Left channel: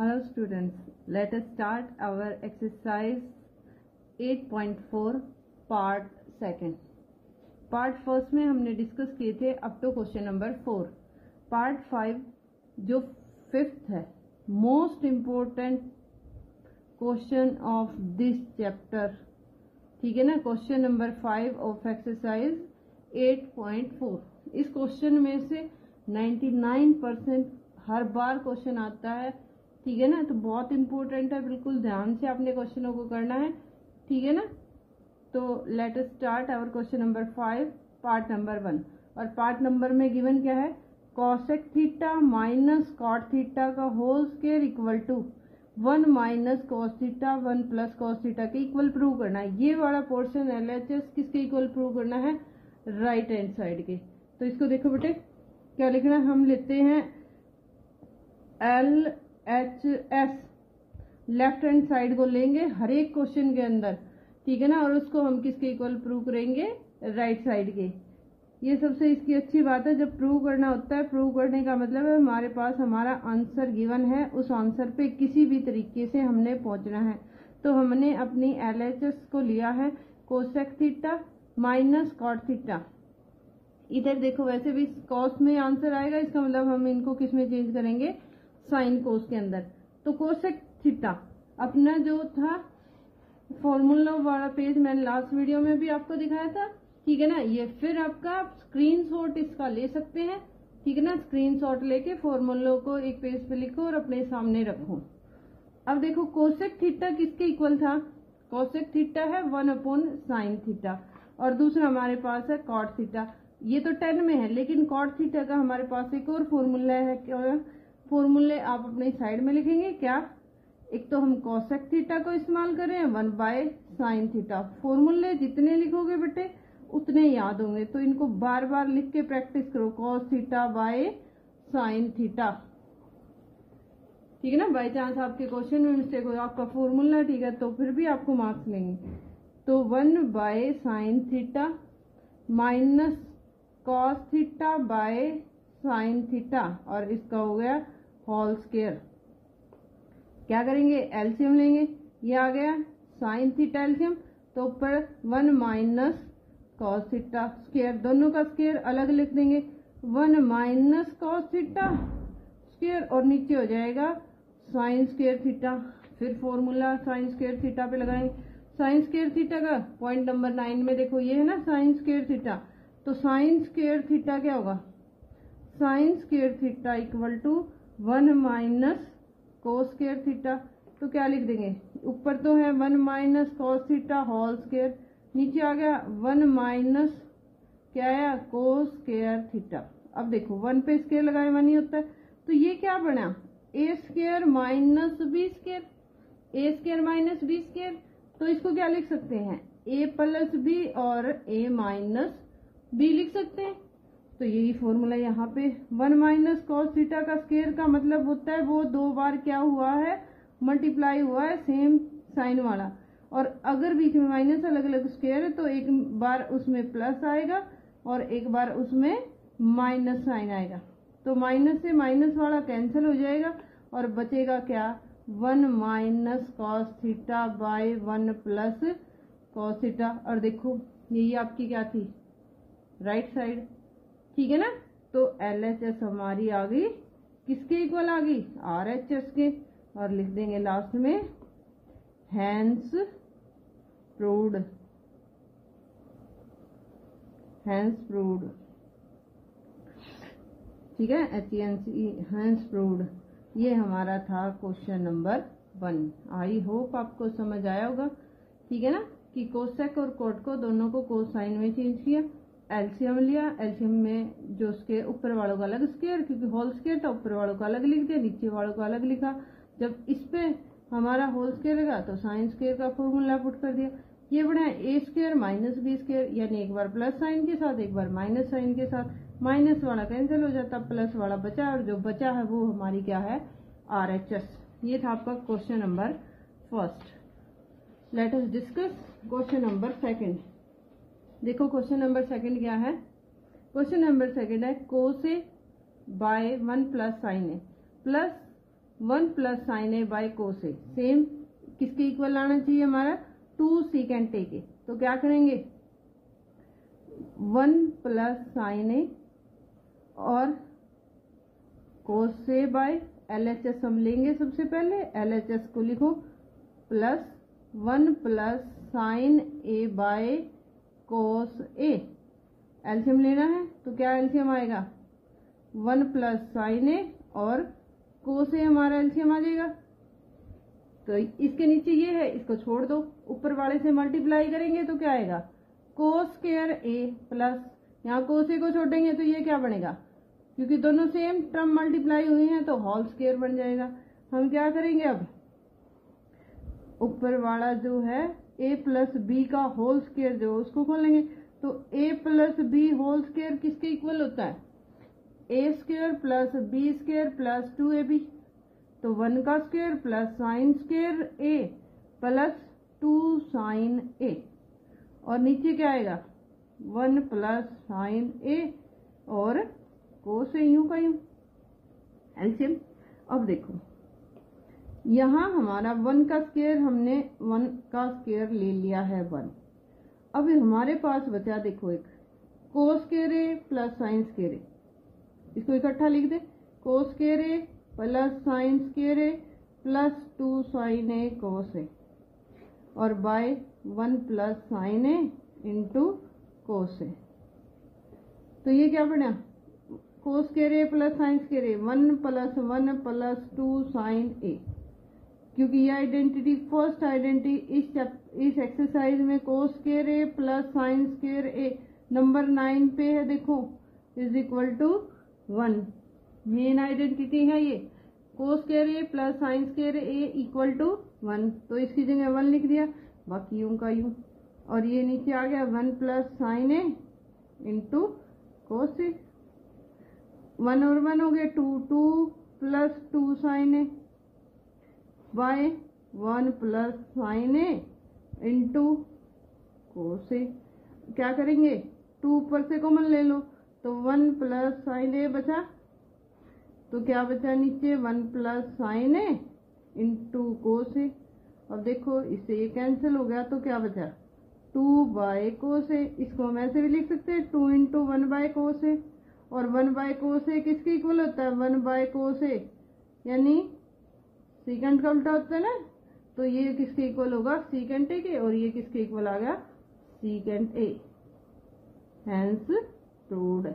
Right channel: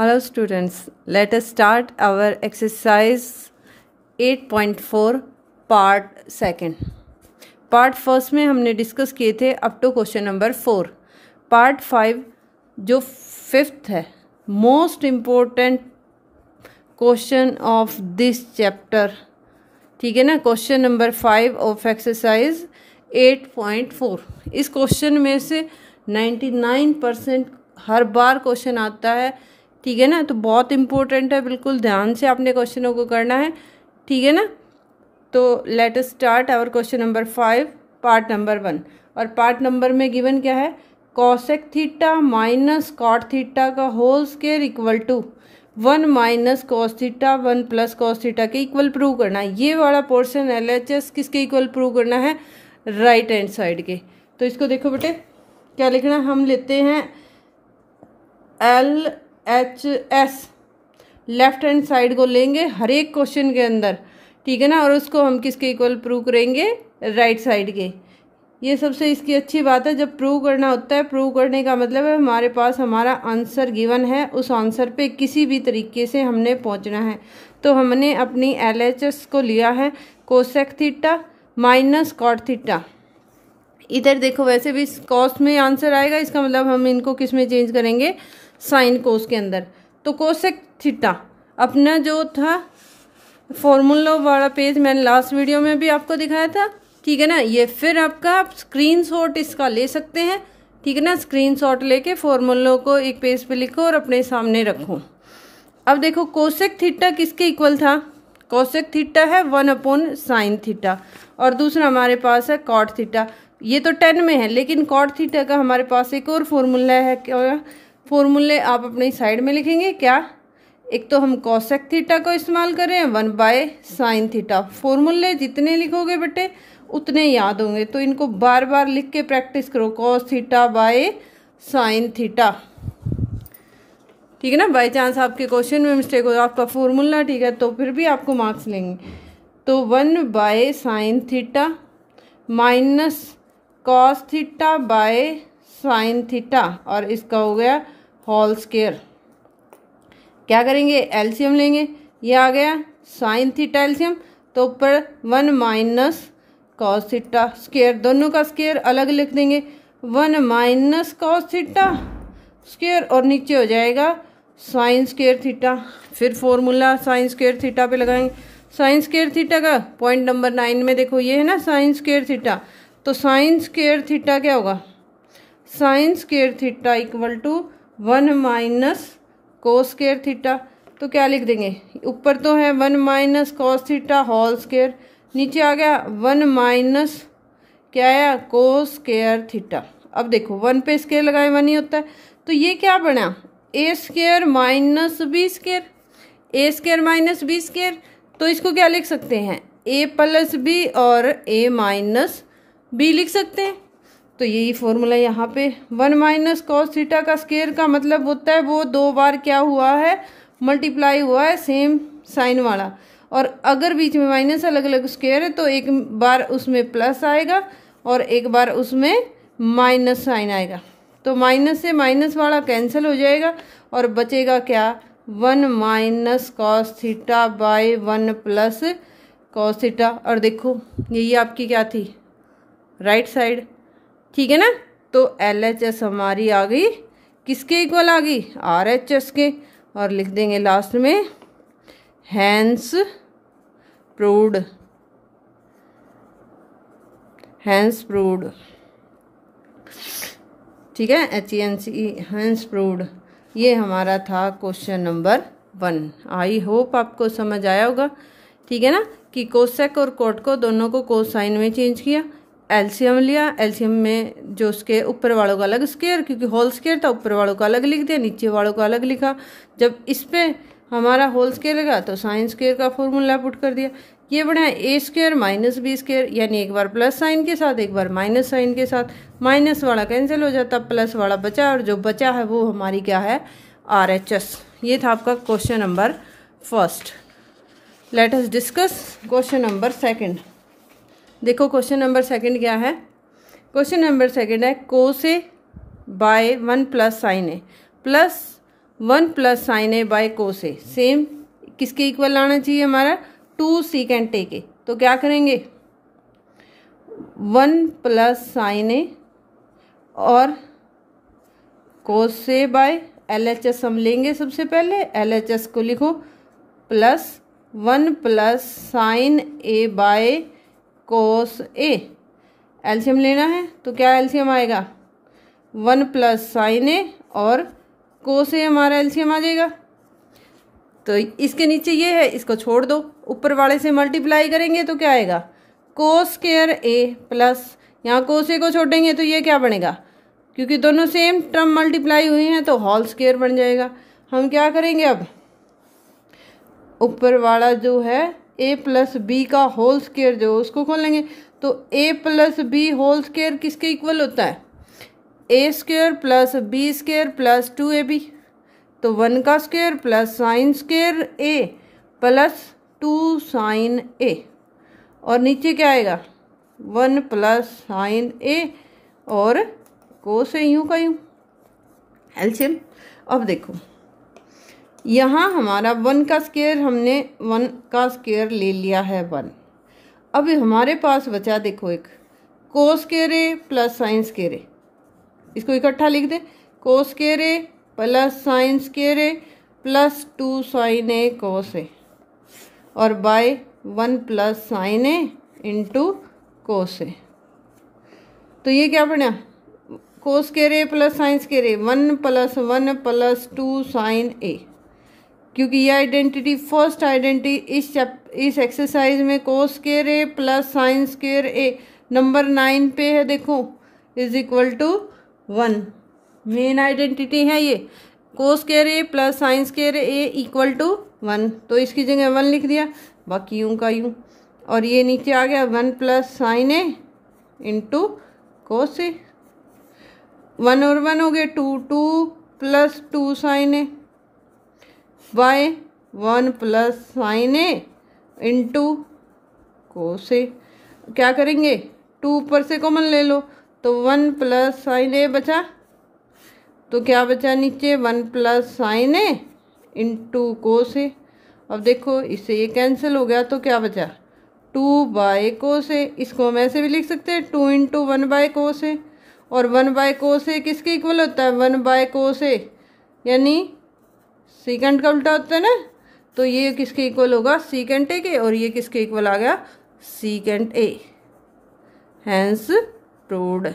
Hello students, let us start our exercise 8.4 part second. Part first में हमने discuss किए थे up to question number 4. Part 5 जो fifth है, most important question of this chapter, ठीक है ना. Question number 5 of exercise 8.4. इस क्वेश्चन में से 99% हर बार क्वेश्चन आता है, ठीक है ना. तो बहुत इम्पोर्टेंट है, बिल्कुल ध्यान से आपने क्वेश्चनों को करना है, ठीक है ना. तो let us start our question number 5 part number 1. और पार्ट नंबर में गिवन क्या है, cosec theta minus cot theta का whole square equal to 1 minus cos theta 1 plus cos theta के इक्वल प्रूव करना है. ये वाला पोर्शन LHS किसके इक्वल प्रूव करना है, राइट हैंड साइड के. तो इसको देखो बेटे क्या लिखना है, हम लेते हैं LHS लेफ्ट हैंड साइड को लेंगे हर एक क्वेश्चन के अंदर, ठीक है ना. और उसको हम किसके इक्वल प्रूव करेंगे, राइट साइड के. ये सबसे इसकी अच्छी बात है, जब प्रूव करना होता है, प्रूव करने का मतलब है हमारे पास हमारा आंसर गिवन है, उस आंसर पे किसी भी तरीके से हमने पहुंचना है. तो हमने अपनी LHS को लिया है cosec theta minus cot theta. इधर देखो वैसे भी कॉस में आंसर आएगा, इसका मतलब हम इनको किस में चेंज करेंगे, साइन कोस के अंदर. तो कोसेक थीटा अपना जो था फॉर्मूला वाला पेज मैंने लास्ट वीडियो में भी आपको दिखाया था, ठीक है ना. ये फिर आपका आप स्क्रीनशॉट इसका ले सकते हैं, ठीक है ना. स्क्रीनशॉट लेके फॉर्मूलों को एक पेज पे लिखो और अपने सामने रखो. अब देखो कोसेक थीटा किसके इक्वल था, कोसेक थीटा है 1 साइन थीटा, और दूसरा हमारे पास है कॉट थीटा. ये तो 10 में है, लेकिन कॉट थीटा का हमारे पास एक और फॉर्मूला है. क्या फॉर्मूले आप अपनी साइड में लिखेंगे, क्या, एक तो हम कोसेक थीटा को इस्तेमाल कर रहे हैं 1 साइन थीटा. फॉर्मूले जितने लिखोगे बेटे उतने याद होंगे, तो इनको बार बार लिख के प्रैक्टिस करो. Cos theta by sine theta, ठीक है ना. बाई चांस आपके क्वेश्चन में मिस्टेक हो, आपका फॉर्मूला ठीक है तो फिर भी आपको मार्क्स लेंगे. तो 1 sign theta minus cos theta by sine theta, और इसका हो गया होल स्क्वायर. क्या करेंगे, एलसीएम लेंगे. ये आ गया साइन थीटा एलसीएम, तो ऊपर 1 माइनस कॉस थीटा स्क्वायर, दोनों का स्क्वायर अलग लिख देंगे. 1 माइनस कॉस थीटा स्क्वायर, और नीचे हो जाएगा साइन स्क्वायर थीटा. फिर फॉर्मूला साइन स्क्वायर थीटा पे लगाएंगे. साइन स्क्वायर थीटा का पॉइंट नंबर 9 में देखो ये है ना साइन स्क्वायर थीटा. तो साइन स्क्वायर थीटा क्या होगा, sine square theta equal to 1 minus cos square theta. तो क्या लिख देंगे, ऊपर तो है 1 minus cos theta whole square, नीचे आ गया 1 माइनस क्या आया कोस स्क्वायर थीटा. अब देखो 1 पे स्क्वायर लगाए 1 ही होता है, तो ये क्या बना, ए स्क्वायर माइनस बी स्क्वायर, ए स्क्वायर माइनस बी स्क्वायर. तो इसको क्या लिख सकते हैं, ए प्लस बी और ए माइनस बी लिख सकते हैं. तो यही फॉर्मूला यहाँ पे 1 माइनस कॉस थीटा का स्क्वायर का मतलब होता है वो 2 बार क्या हुआ है, मल्टीप्लाई हुआ है सेम साइन वाला. और अगर बीच में माइनस अलग अलग स्क्वायर है तो एक बार उसमें प्लस आएगा और एक बार उसमें माइनस साइन आएगा. तो माइनस से माइनस वाला कैंसिल हो जाएगा और बचेगा क्या, 1 minus cos theta by 1 plus cos theta. और देखो यही आपकी क्या थी, राइट साइड, ठीक है ना. तो LHS हमारी आ गई किसके इक्वल आ गई, RHS के. और लिख देंगे लास्ट में हैंस प्रूव्ड, हैंस प्रूव्ड, ठीक है, HENCE हैंस प्रूव्ड. ये हमारा था क्वेश्चन नंबर 1. आई होप आपको समझ आया होगा, ठीक है ना, कि कोसेक और कोट को दोनों को कोसाइन में चेंज किया, एलसीएम लिया, एलसीएम में जो उसके ऊपर वालों का अलग स्क्वायर, क्योंकि होल स्क्वायर था ऊपर वालों का अलग लिख दिया, नीचे वालों का अलग लिखा. जब इस पे हमारा होल स्क्वायर लगा तो साइन स्क्वायर का फॉर्मूला पुट कर दिया. ये बढ़िया ए स्क्वायर माइनस बी स्क्वायर, यानी एक बार प्लस साइन के साथ एक बार माइनस साइन के साथ, माइनस वाला कैंसिल हो जाता, प्लस वाला बचा, और जो बचा है वो हमारी क्या है, RHS. ये था आपका question number first. Let us discuss question number second. देखो क्वेश्चन नंबर सेकंड क्या है, क्वेश्चन नंबर सेकंड है cos A by 1 plus sine A plus 1 plus sine A by cos A, same किसके इक्वल आना चाहिए हमारा, 2 सीकेंट ए के। तो क्या करेंगे, 1 प्लस साइन ए और कोस ए बाय LHS हम लेंगे। सबसे पहले LHS को लिखो, plus 1 plus sine A by cos A. LCM लेना है तो क्या एलसीएम आएगा, 1 प्लस साइन ए और कोस ए हमारा एलसीएम आ जाएगा। तो इसके नीचे ये है, इसको छोड़ दो, ऊपर वाले से मल्टीप्लाई करेंगे तो क्या आएगा, कोस स्क्वायर ए प्लस, यहाँ कोस ए को छोड़ेंगे तो ये क्या बनेगा, क्योंकि दोनों सेम टर्म मल्टीप्लाई हुई हैं तो होल स्क्वायर बन जाएगा। हम क्या करेंगे, अब ऊपर वाला जो है a प्लस बी का होल स्क्वायर जो उसको खोलेंगे, तो a plus b whole square किसके इक्वल होता है, a square plus B square plus 2ab। तो 1 का square plus sine square a plus 2 sine a, और नीचे क्या आएगा, 1 प्लस साइन a और कोस ए, यूँ का यूँ एलसीएम। अब देखो यहाँ हमारा 1 का स्क्वायर, हमने 1 का स्क्वायर ले लिया है 1। अब हमारे पास बचा देखो एक कोस square a plus sine square ए, इसको इकट्ठा लिख दे, कोस square a plus sine square a plus 2 sign A cos ए, और बाय 1 प्लस साइन ए इंटू कोस ए। तो ये क्या बना, कोस square a plus sine square a, 1 plus 2 sign ए। क्योंकि ये आइडेंटिटी फर्स्ट आइडेंटिटी इस एक्सरसाइज में कोस square a plus sine square A number 9 पे है, देखो is equal to 1, main identity है ये, cos square a plus sine square A equal to 1। तो इसकी जगह 1 लिख दिया, बाकी यूं का यूं, और ये नीचे आ गया 1 plus sine A into cos A, 1 और 1 हो गए 2, 2 plus 2 sign A by 1 plus sine A into cos A. क्या करेंगे, 2 ऊपर से कॉमन ले लो, तो 1 प्लस साइन ए बचा, तो क्या बचा नीचे, 1 प्लस साइन ए इंटू कोस ए। अब देखो इससे ये कैंसिल हो गया, तो क्या बचा, 2 बाय कोस ए। इसको हम ऐसे भी लिख सकते हैं, 2 इंटू 1 बाय कोस ए, और 1 बाय कोस ए किसके इक्वल होता है, 1 बाय कोस ए, यानी सीकेंट का उल्टा होता है ना, तो ये किसके इक्वल होगा, सीकेंट ए के, और ये किसके इक्वल आ गया, सीकेंट ए, हैंस प्रूव्ड।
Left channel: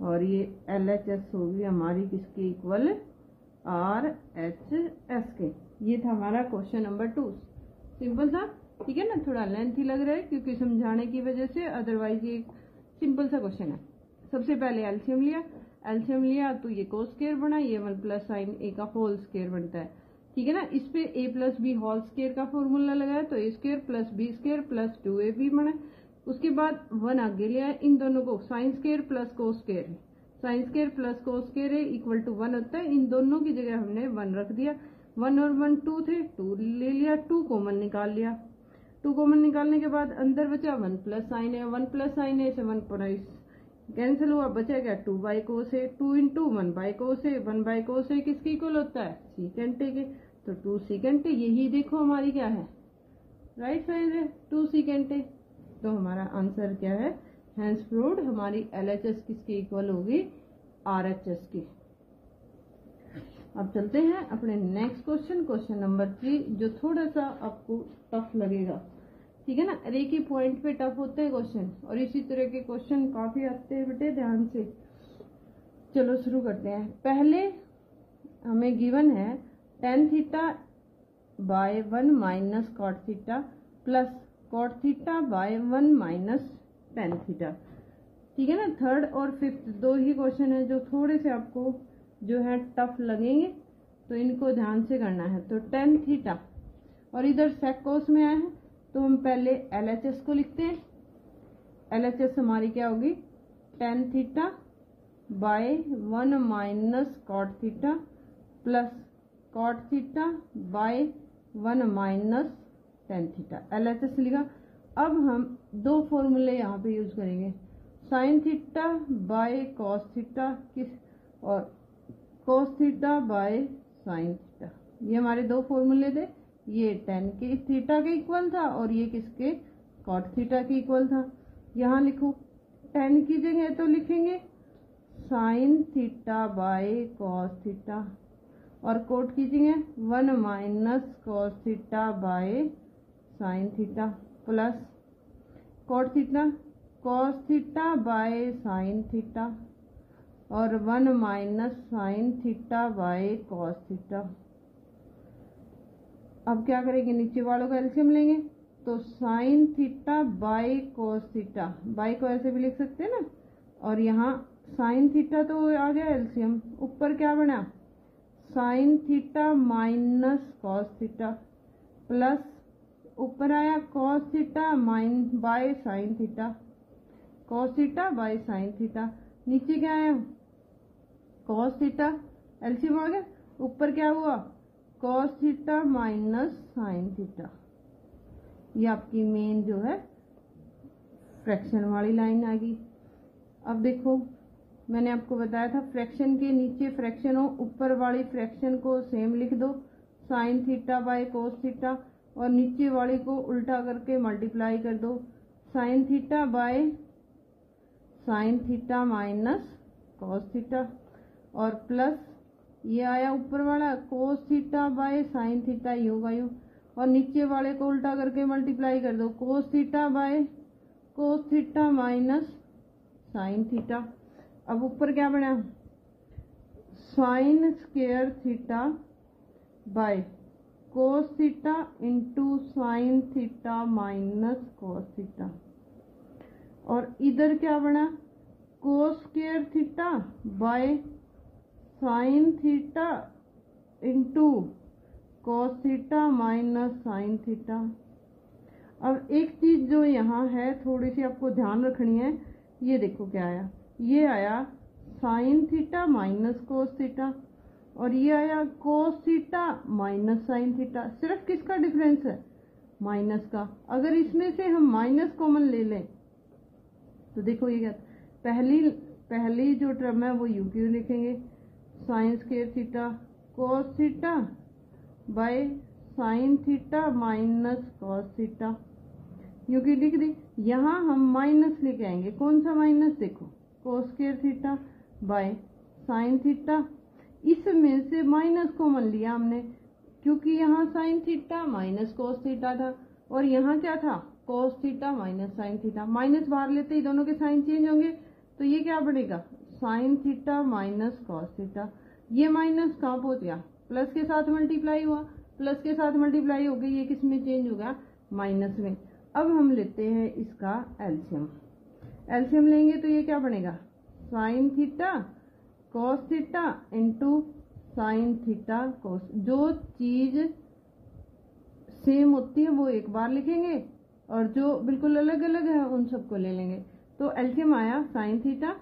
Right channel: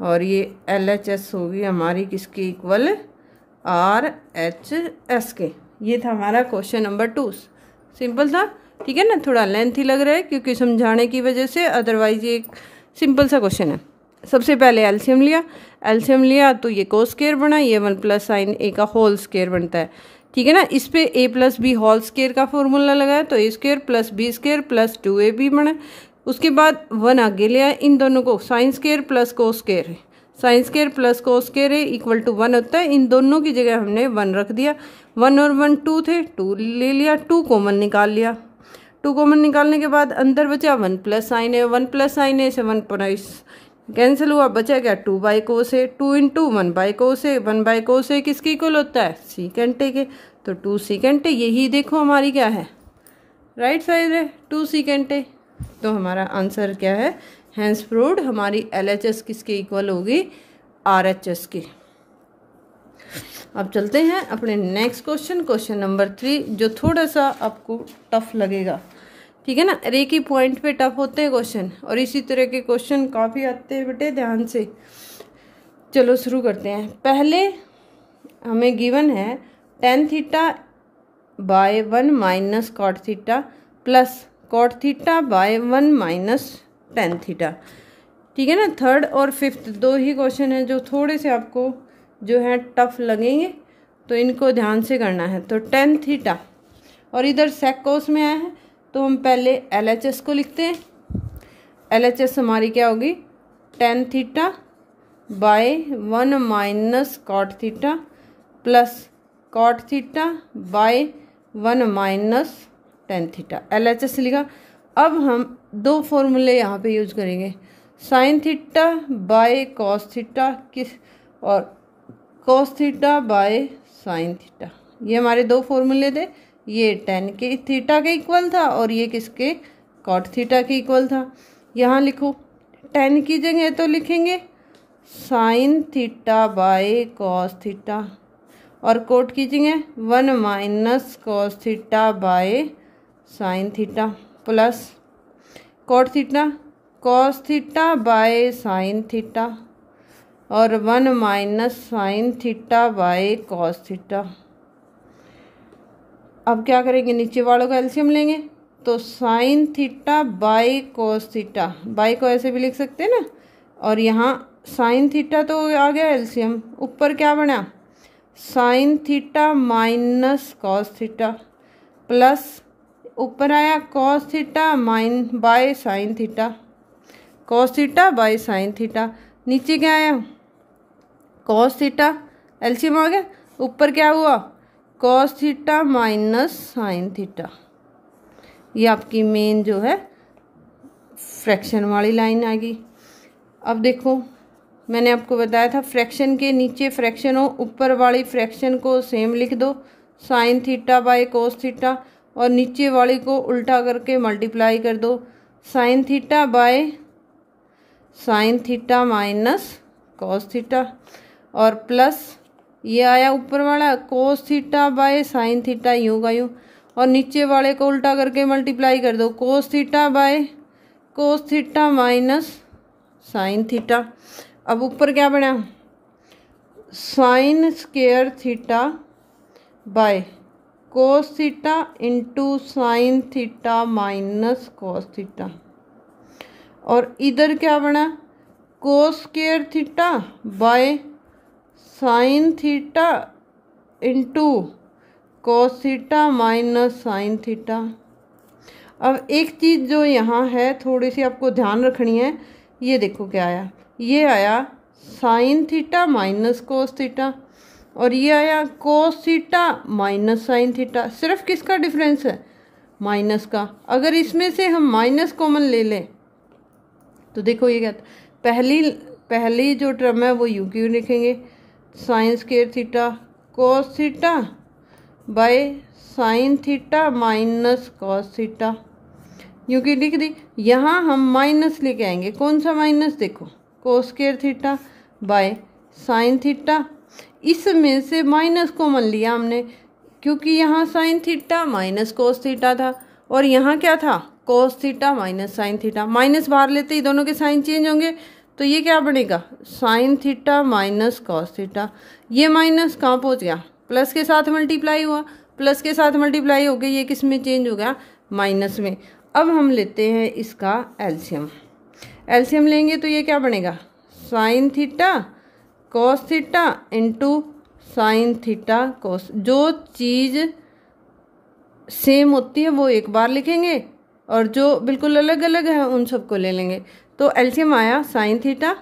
और ये LHS होगी हमारी किसके इक्वल, RHS के। ये था हमारा क्वेश्चन नंबर 2, सिंपल था, ठीक है ना, थोड़ा लेंथी लग रहा है क्योंकि समझाने की वजह से, अदरवाइज ये सिंपल सा क्वेश्चन है। सबसे पहले एलसीएम लिया तो ये कोस स्क्वायर बना, ये 1 प्लस साइन ए का होल स्क्वायर बनता है, ठीक है ना। इस पे a plus b whole square का फॉर्मूला लगाया तो a square plus B square plus 2ab बना। उसके बाद 1 आगे ले आए, इन दोनों को sine square plus cos square है, sine square plus cos square है इक्वल टू 1 होता है। इन दोनों की जगह हमने 1 रख दिया, 1 और 1 2 थे, 2 ले लिया, 2 कॉमन निकाल लिया। 2 कॉमन निकालने के बाद अंदर बचा 1 plus sine A, 1 plus sine A से 1 प्राइस कैंसिल हुआ, बचा क्या 2 by cos A, 2 into 1 by cos A, 1 by cos A किसके इक्वल होता है, सीकेंट ए के, तो 2 सीकेंट ए। यही देखो हमारी क्या है, राइट साइड है 2 सीकेंट ए। तो हमारा आंसर क्या है, हैंस प्रूव्ड। हमारी LHS किसके इक्वल होगी, RHS के। अब चलते हैं अपने नेक्स्ट क्वेश्चन नंबर 3, जो थोड़ा सा आपको टफ लगेगा, ठीक है ना। रे की पॉइंट पे टफ होते हैं क्वेश्चन, और इसी तरह के क्वेश्चन काफ़ी आते हैं बेटे, ध्यान से। चलो शुरू करते हैं। पहले हमें गिवन है tan theta by 1 minus cot theta plus cot theta by 1 minus tan theta, ठीक है ना। थर्ड और फिफ्थ 2 ही क्वेश्चन है जो थोड़े से आपको जो है टफ लगेंगे, तो इनको ध्यान से करना है। तो tan थीटा और इधर सेक कोस में आया है, तो हम पहले LHS को लिखते हैं। LHS हमारी क्या होगी, tan theta by 1 minus cot theta plus cot theta by 1 minus tan theta. LHS लिखा। अब हम 2 फॉर्मूले यहाँ पे यूज करेंगे, sign theta by cos theta किस, और cos theta by sine theta. ये हमारे दो फॉर्मूले थे, ये टेन के थीटा के इक्वल था और ये किसके, कॉट थीटा के इक्वल था। यहाँ लिखो, टेन की जगह तो लिखेंगे sine theta by cos theta, और कोट की जगह 1 minus cos theta by sine theta, plus cot theta cos theta by sine theta, और 1 minus sine theta by cos theta. अब क्या करेंगे, नीचे वालों का एलसीएम लेंगे, तो sine theta by cos theta, by को ऐसे भी लिख सकते हैं ना, और यहाँ साइन थीटा तो आ गया एलसीएम, ऊपर क्या बना, sign theta minus cos theta, plus ऊपर आया cos theta by sine theta, cos theta by sine theta, नीचे क्या आया, कॉस थीटा, एलसीएम आ गया, ऊपर क्या हुआ, cos theta minus sine theta. ये आपकी मेन जो है फ्रैक्शन वाली लाइन आ गई। अब देखो, मैंने आपको बताया था फ्रैक्शन के नीचे फ्रैक्शन हो, ऊपर वाली फ्रैक्शन को सेम लिख दो, sign theta bye cos theta, और नीचे वाली को उल्टा करके मल्टीप्लाई कर दो, sign theta by sine theta minus cos theta, और प्लस ये आया ऊपर वाला cos theta by sine theta, यूँ का यूँ, और नीचे वाले को उल्टा करके मल्टीप्लाई कर दो, cos theta by cos theta minus sine theta. अब ऊपर क्या बना, sign square theta bye cos theta into sine theta minus cos theta, और इधर क्या बना, कोस square theta by sine theta into cos theta minus sine theta. अब एक चीज़ जो यहाँ है थोड़ी सी आपको ध्यान रखनी है, ये देखो क्या आया, ये आया sign theta minus cos theta, और ये आया cos theta minus sine theta. सिर्फ किसका डिफरेंस है, माइनस का। अगर इसमें से हम माइनस कॉमन ले लें तो देखो ये क्या, पहली जो टर्म है वो यू क्यू लिखेंगे, sign square theta cos theta by sine theta minus cos theta, यूँ की लिख दी। यहाँ हम माइनस लेके आएंगे, कौन सा माइनस, देखो कोस square theta by sine theta, इसमें से माइनस कॉमन लिया हमने, क्योंकि यहाँ sign theta minus cos theta था और यहाँ क्या था, cos theta minus sine theta. Minus बाहर लेते ही दोनों के साइन चेंज होंगे, तो ये क्या बनेगा, sign theta minus cos theta. ये माइनस कहाँ पहुँच गया, प्लस के साथ मल्टीप्लाई हुआ, प्लस के साथ मल्टीप्लाई हो गया, ये किस में चेंज हो गया, माइनस में। अब हम लेते हैं इसका एलसीएम, एलसीएम लेंगे तो ये क्या बनेगा, sign theta cos theta into sine theta cos. जो चीज़ सेम होती है वो एक बार लिखेंगे और जो बिल्कुल अलग अलग है उन सबको ले लेंगे। तो एलसीएम आया sign theta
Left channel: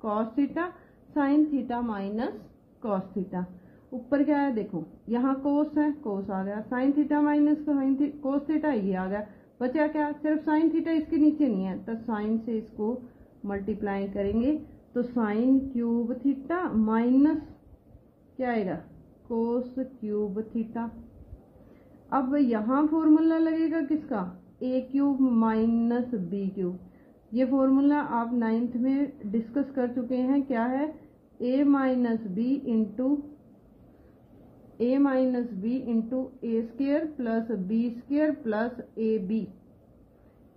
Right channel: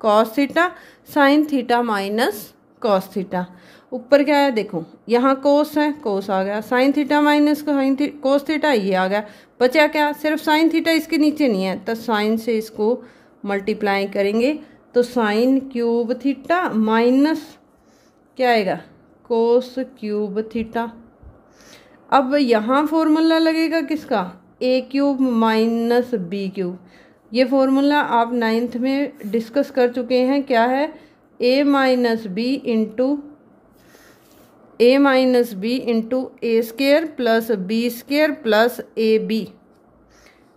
cos theta, sine theta minus cos theta. ऊपर क्या है देखो, यहाँ कोस है, कोस आ गया, sign theta minus cos theta ये आ गया, बचा क्या, सिर्फ साइन थीटा इसके नीचे नहीं है, तो साइन से इसको मल्टीप्लाई करेंगे तो साइन क्यूब थीटा माइनस क्या आएगा, कोस क्यूब थीटा। अब यहाँ फॉर्मूला लगेगा किसका, A cube minus B cube. ये फॉर्मूला आप 9th में डिस्कस कर चुके हैं, क्या है, A minus B into A square plus B square plus A B.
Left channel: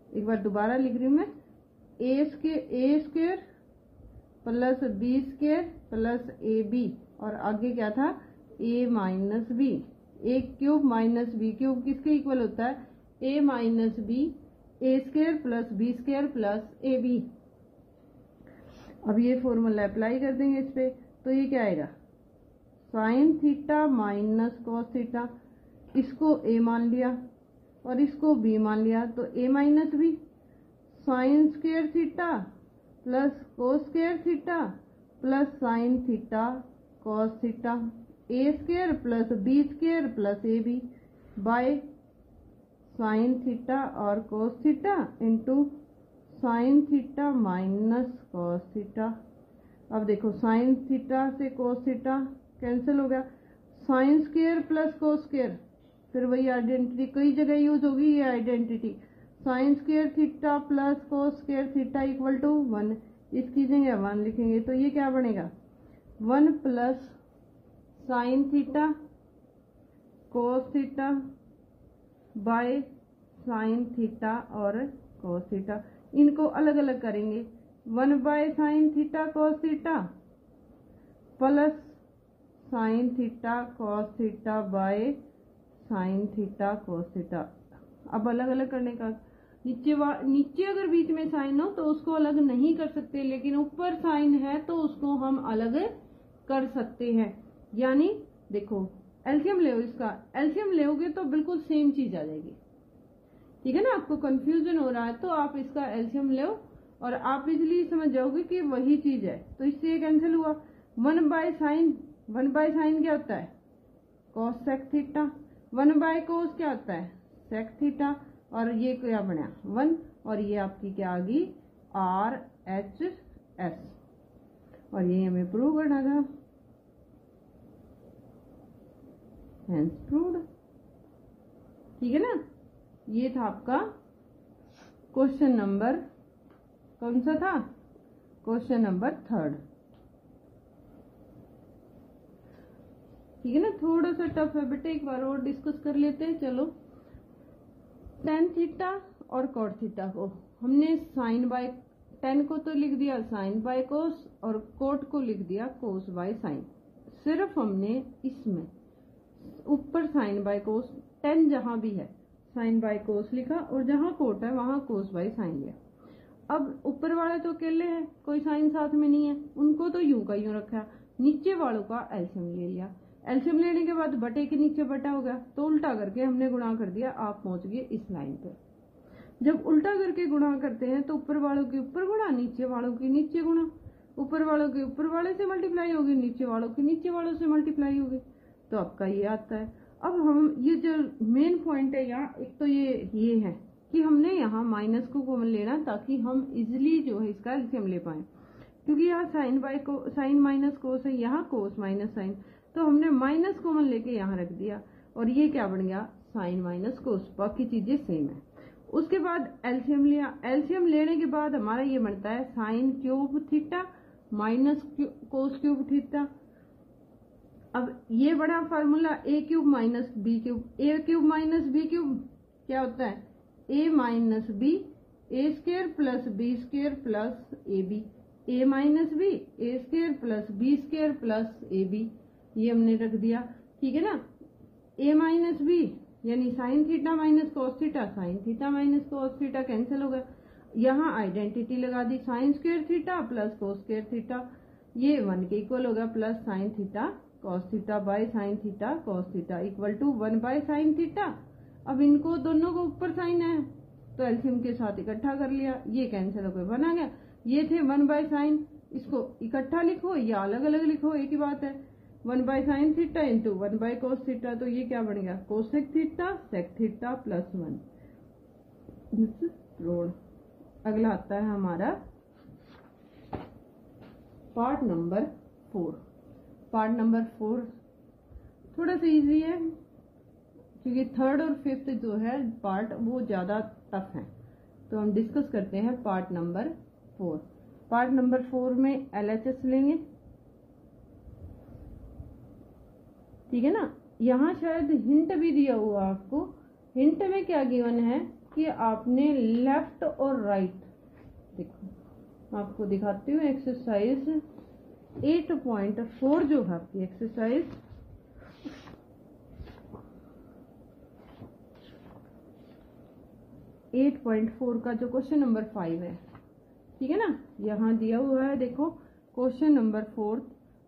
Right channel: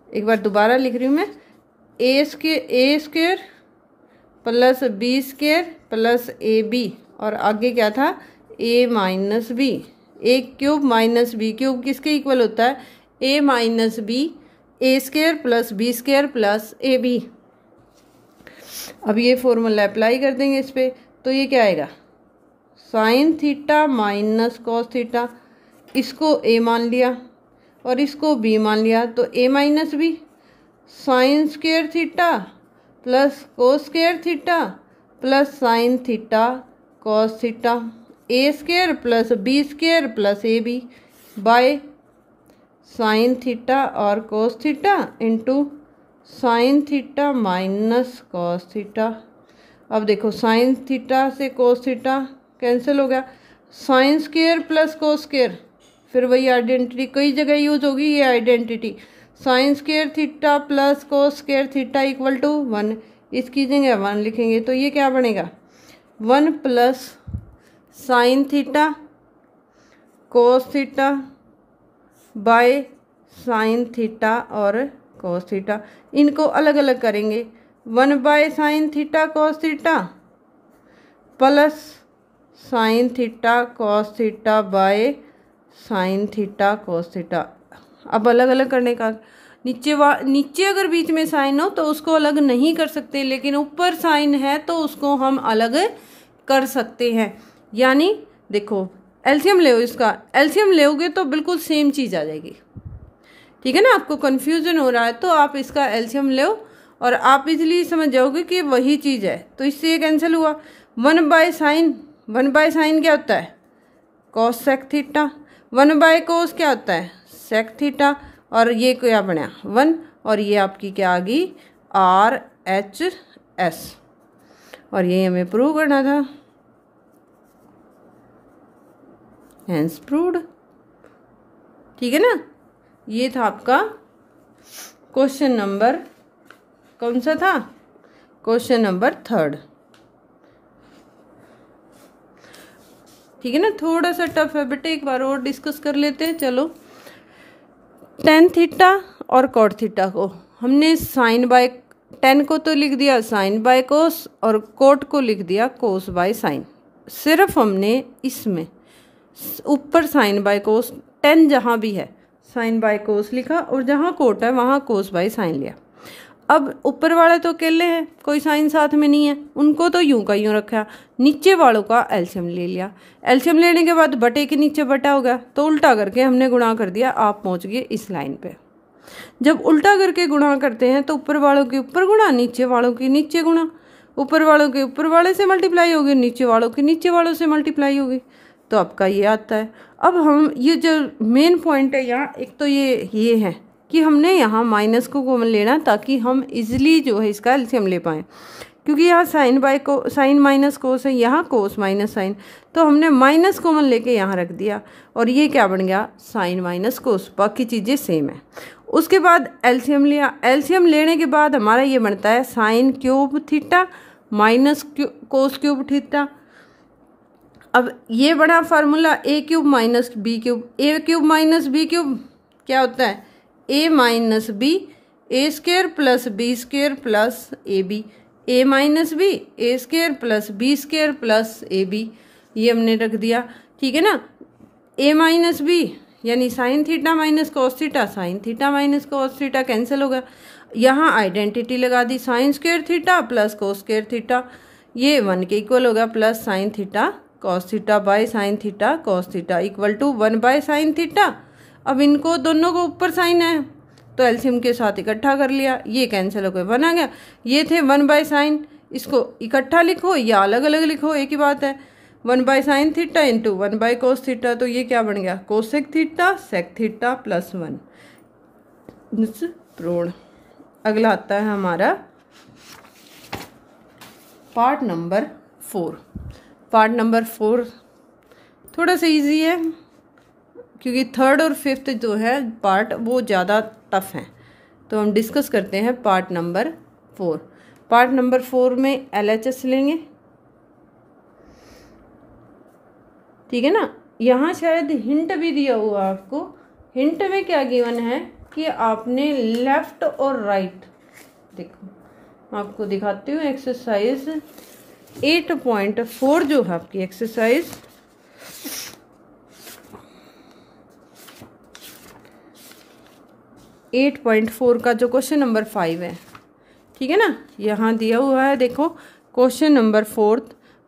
एक बार दोबारा लिख रही हूँ मैं, A square plus B square plus A B, और आगे क्या था, A minus B. A cube minus B cube किसके इक्वल होता है, A minus B, A square plus B square plus A b. अब ये फॉर्मूला अप्लाई कर देंगे इस पर, तो ये क्या आएगा, sign theta minus cos theta, इसको ए मान लिया और इसको बी मान लिया, तो A minus B, sine square theta plus cos square theta plus sine theta cos theta, A square plus B square plus A B by sine theta और cos theta into sine theta minus cos theta. अब देखो sine theta से cos theta cancel हो गया। Sine square plus cos square, फिर वही identity कई जगह यूज होगी ये identity. Sine square theta plus cos square theta equal to 1, इसकी जगह 1 लिखेंगे तो ये क्या बनेगा 1 plus sine theta cos theta by sine theta और कोस थीटा। इनको अलग अलग करेंगे, 1 by sine theta cos theta plus sine theta cos theta by sine theta cos theta. अब अलग अलग करने का, नीचे अगर बीच में साइन हो तो उसको अलग नहीं कर सकते, लेकिन ऊपर साइन है तो उसको हम अलग कर सकते हैं। यानी देखो एलसीएम ले, इसका एलसीएम लेओगे तो बिल्कुल सेम चीज़ आ जाएगी। ठीक है ना, आपको कन्फ्यूजन हो रहा है तो आप इसका एलसीएम लो और आप इजीली समझ जाओगे कि वही चीज़ है। तो इससे ये कैंसिल हुआ। 1 बाय साइन क्या होता है cosec theta, 1 by cos क्या होता है सेक थीटा, और ये क्या बना 1, और ये आपकी क्या आ गई RHS, और ये हमें प्रूव करना था, हेंस प्रूव्ड। ठीक है ना, ये था आपका क्वेश्चन नंबर, कौन सा था क्वेश्चन नंबर 3। ठीक है ना, थोड़ा सा टफ है बेटे, एक बार और डिस्कस कर लेते हैं। चलो, टेन थीटा और कॉट थीटा को हमने साइन बाय, टेन को तो लिख दिया साइन बाय कोस और कोट को लिख दिया कोस बाय साइन। सिर्फ हमने इसमें ऊपर साइन बाय कोस, टेन जहाँ भी है साइन बाय कोस लिखा और जहाँ कोट है वहाँ कोस बाय साइन लिया। अब ऊपर वाले तो अकेले हैं, कोई साइन साथ में नहीं है, उनको तो यूं का यूं रखा। नीचे वालों का एलसीएम ले लिया। एलसीएम लेने के बाद बटे के नीचे बटा हो गया तो उल्टा करके हमने गुणा कर दिया, आप पहुंच गए इस लाइन पे। जब उल्टा करके गुणा करते हैं तो ऊपर वालों के ऊपर गुणा, नीचे वालों के नीचे गुणा, ऊपर वालों के ऊपर वाले से मल्टीप्लाई होगी, नीचे वालों के नीचे वालों से मल्टीप्लाई होगी, तो आपका ये आता है। अब हम ये जो मेन पॉइंट है यहाँ, एक तो ये है कि हमने यहाँ माइनस को कॉमन लेना ताकि हम इजीली जो है इसका एलसीएम ले पाएँ, क्योंकि यहाँ साइन माइनस कोस है, यहाँ कोस माइनस साइन, तो हमने माइनस कॉमन लेके यहाँ रख दिया और ये क्या बन गया साइन माइनस कोस, बाकी चीज़ें सेम है। उसके बाद एलसीएम लिया, एलसीएम लेने के बाद हमारा ये बनता है sine cube theta minus cos cube theta. अब ये बड़ा formula A cube minus B cube, A cube minus B cube क्या होता है A minus B A square plus B square plus A B, A minus B A square plus B square plus A B, ये हमने रख दिया। ठीक है ना, ए माइनस बी यानी sine theta minus cos theta, sine theta minus cos theta cancel होगा। यहाँ आइडेंटिटी लगा दी, sine square theta plus cos square theta, ये 1 के इक्वल होगा, plus sine theta cos theta by sine theta cos theta equal to 1 by sine theta. अब इनको दोनों को ऊपर साइन है तो एलसीएम के साथ इकट्ठा कर लिया, ये कैंसिल हो गया 1 आ गया। ये थे 1 बाय साइन, इसको इकट्ठा लिखो या अलग अलग लिखो एक ही बात है, 1 by sine theta into 1 by cos theta, तो ये क्या बन गया cosec theta sec theta plus 1 proved. अगला आता है हमारा पार्ट नंबर 4। पार्ट नंबर 4 थोड़ा सा इजी है क्योंकि 3rd और 5th जो है पार्ट वो ज़्यादा टफ हैं, तो हम डिस्कस करते हैं पार्ट नंबर 4। पार्ट नंबर 4 में LHS लेंगे। ठीक है ना, यहाँ शायद हिंट भी दिया हुआ आपको, हिंट में क्या गिवन है कि आपने लेफ्ट और राइट, देखो आपको दिखाती हूँ एक्सरसाइज 8.4 जो है आपकी एक्सरसाइज 8.4 का जो क्वेश्चन नंबर 5 है। ठीक है ना, यहाँ दिया हुआ है, देखो question number 4,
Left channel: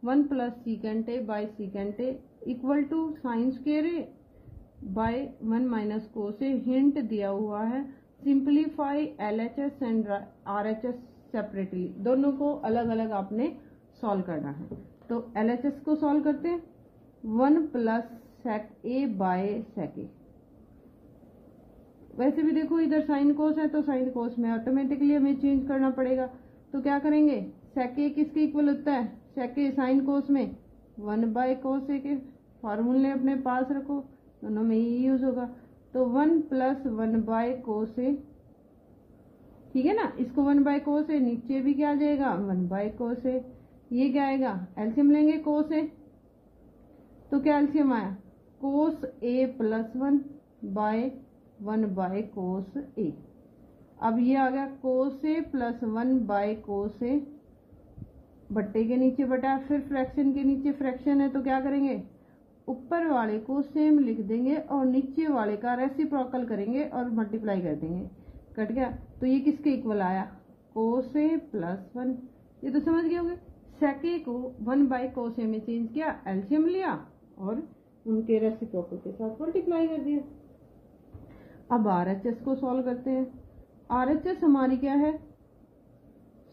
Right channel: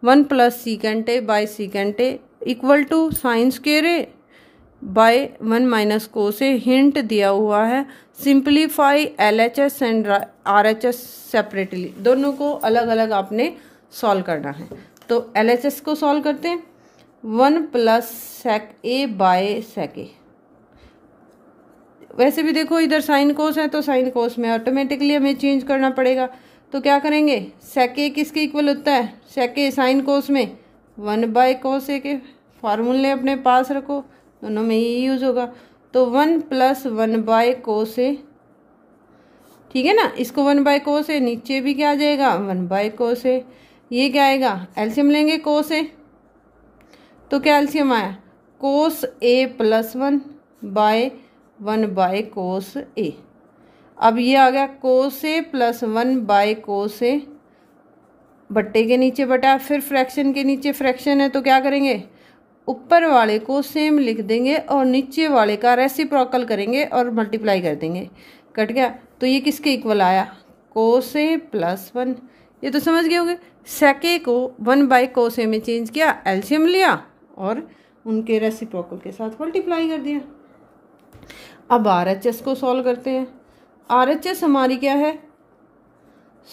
1 plus secant a by secant a equal to sine square A by 1 minus cos a. Hint दिया हुआ है simplify LHS and RHS separately, दोनों को अलग अलग आपने सॉल्व करना है। तो LHS को सॉल्व करते हैं, 1 plus sec A by sec ए। वैसे भी देखो इधर साइन कोस है तो साइन कोस में ऑटोमेटिकली हमें चेंज करना पड़ेगा, तो क्या करेंगे सेक ए किसके इक्वल होता है, सेक ए साइन कोस में 1/cos A के फार्मूले अपने पास रखो, दोनों में ये यूज़ होगा। तो 1 + 1/cos A, ठीक है ना। इसको 1/cos A, नीचे भी क्या आ जाएगा 1/cos A। ये क्या आएगा, एलसीएम लेंगे cos A, तो क्या एलसीएम आया cos A + 1/1/cos A। अब ये आ गया cos A + 1/cos A, बट्टे के नीचे बटा, फिर फ्रैक्शन के नीचे फ्रैक्शन है तो क्या करेंगे, ऊपर वाले को सेम लिख देंगे और नीचे वाले का रेसिप्रोकल करेंगे और मल्टीप्लाई कर देंगे। कट गया। तो ये किसके इक्वल आया, cos A + 1। ये तो समझ गए होंगे। सेके को 1/cos A में चेंज किया, एलसीएम लिया और उनके रेसिप्रोकल के साथ मल्टीप्लाई कर दिया। अब RHS को सॉल्व करते हैं। RHS हमारी क्या है,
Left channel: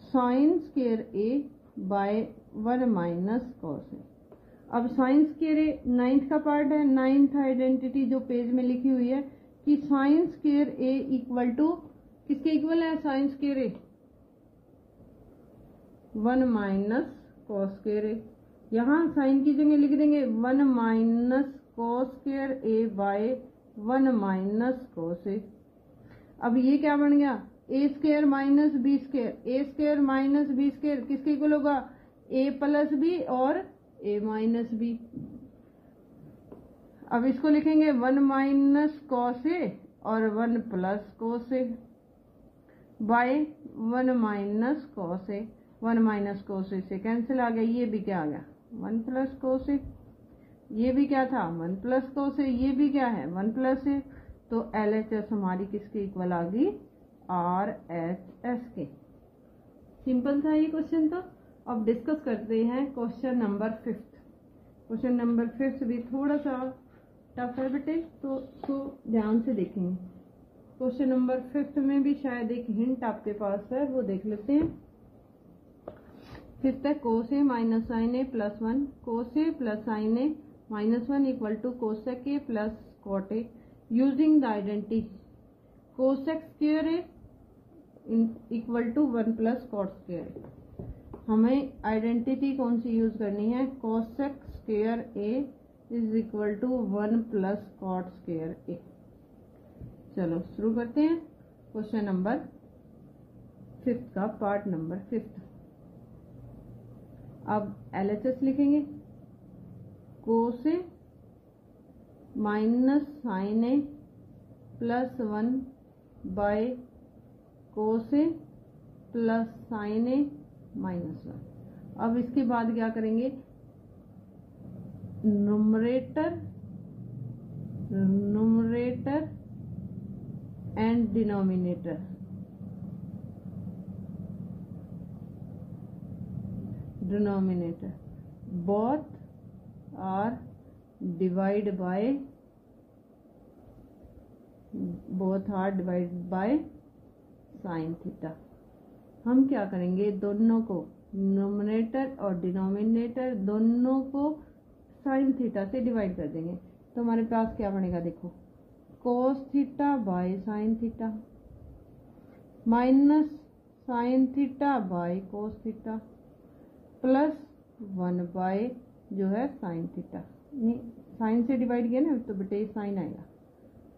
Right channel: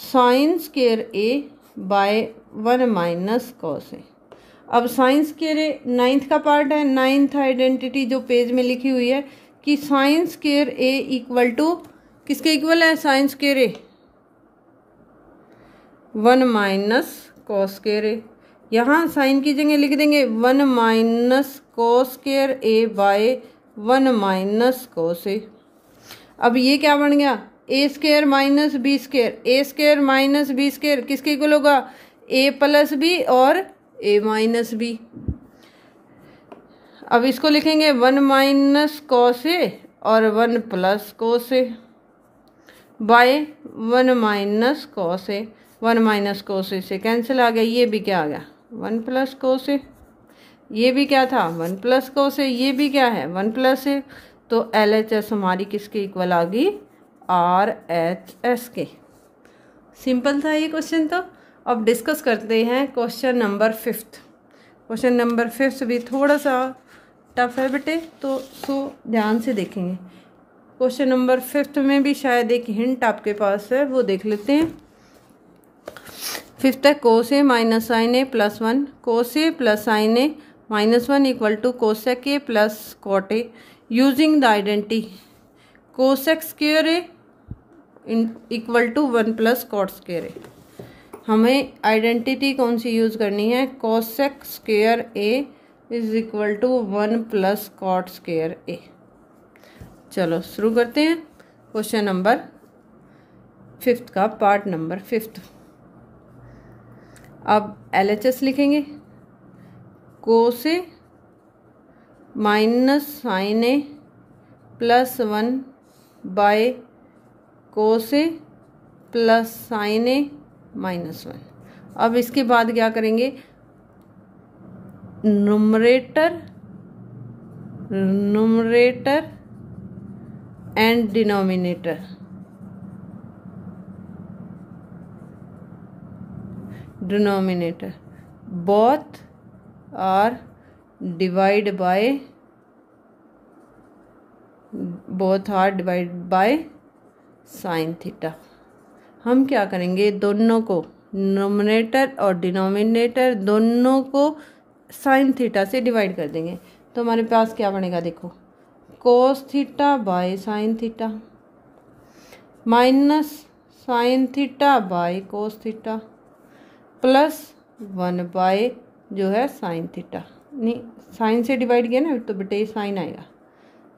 sin² A/1 - cos A। अब sin² A 9th का पार्ट है, 9th आइडेंटिटी जो पेज में लिखी हुई है कि sin² A = किसके इक्वल है, sin² A 1 - cos² A। यहाँ साइन की जगह लिख देंगे 1 - cos² A/1 - cos A। अब ये क्या बन गया, A² - B², A² - B² किसके इक्वल होगा, A + B और A - B। अब इसको लिखेंगे 1 - cos A और 1 + cos A by 1 - cos A। 1 - cos A से कैंसिल आ गया, ये भी क्या आ गया 1 + cos A, ये भी क्या था 1 + cos A, ये भी क्या है 1 + A। तो LHS हमारी किसके इक्वल आ गई, RHS के। सिंपल था ये क्वेश्चन। तो अब डिस्कस करते हैं क्वेश्चन नंबर 5। क्वेश्चन नंबर 5 भी थोड़ा सा टफ है बेटे, तो ध्यान से देखेंगे। क्वेश्चन नंबर 5 में भी शायद एक हिंट आपके पास है, वो देख लेते हैं। 5th है cos A - sin A + 1, cos A + sin A - 1 = cosec A + cot A using the identity cosec² A = 1 + cot² A। हमें आइडेंटिटी कौन सी यूज़ करनी है, cosec² A = 1 + cot² A। चलो शुरू करते हैं क्वेश्चन नंबर 5 का पार्ट नंबर 5। अब LHS लिखेंगे, cos A - sin A + 1 cos A + sin A - 1। अब इसके बाद क्या करेंगे, numerator and denominator both are divided by sin theta. हम क्या करेंगे, दोनों को नोमिनेटर और डिनोमिनेटर दोनों को साइन थीटा से डिवाइड कर देंगे। तो हमारे पास क्या बनेगा, देखो cos theta by sine theta minus sine theta bye cos theta plus 1 जो है साइन थीटा। नहीं, साइन से डिवाइड किया ना तो बेटे साइन आएगा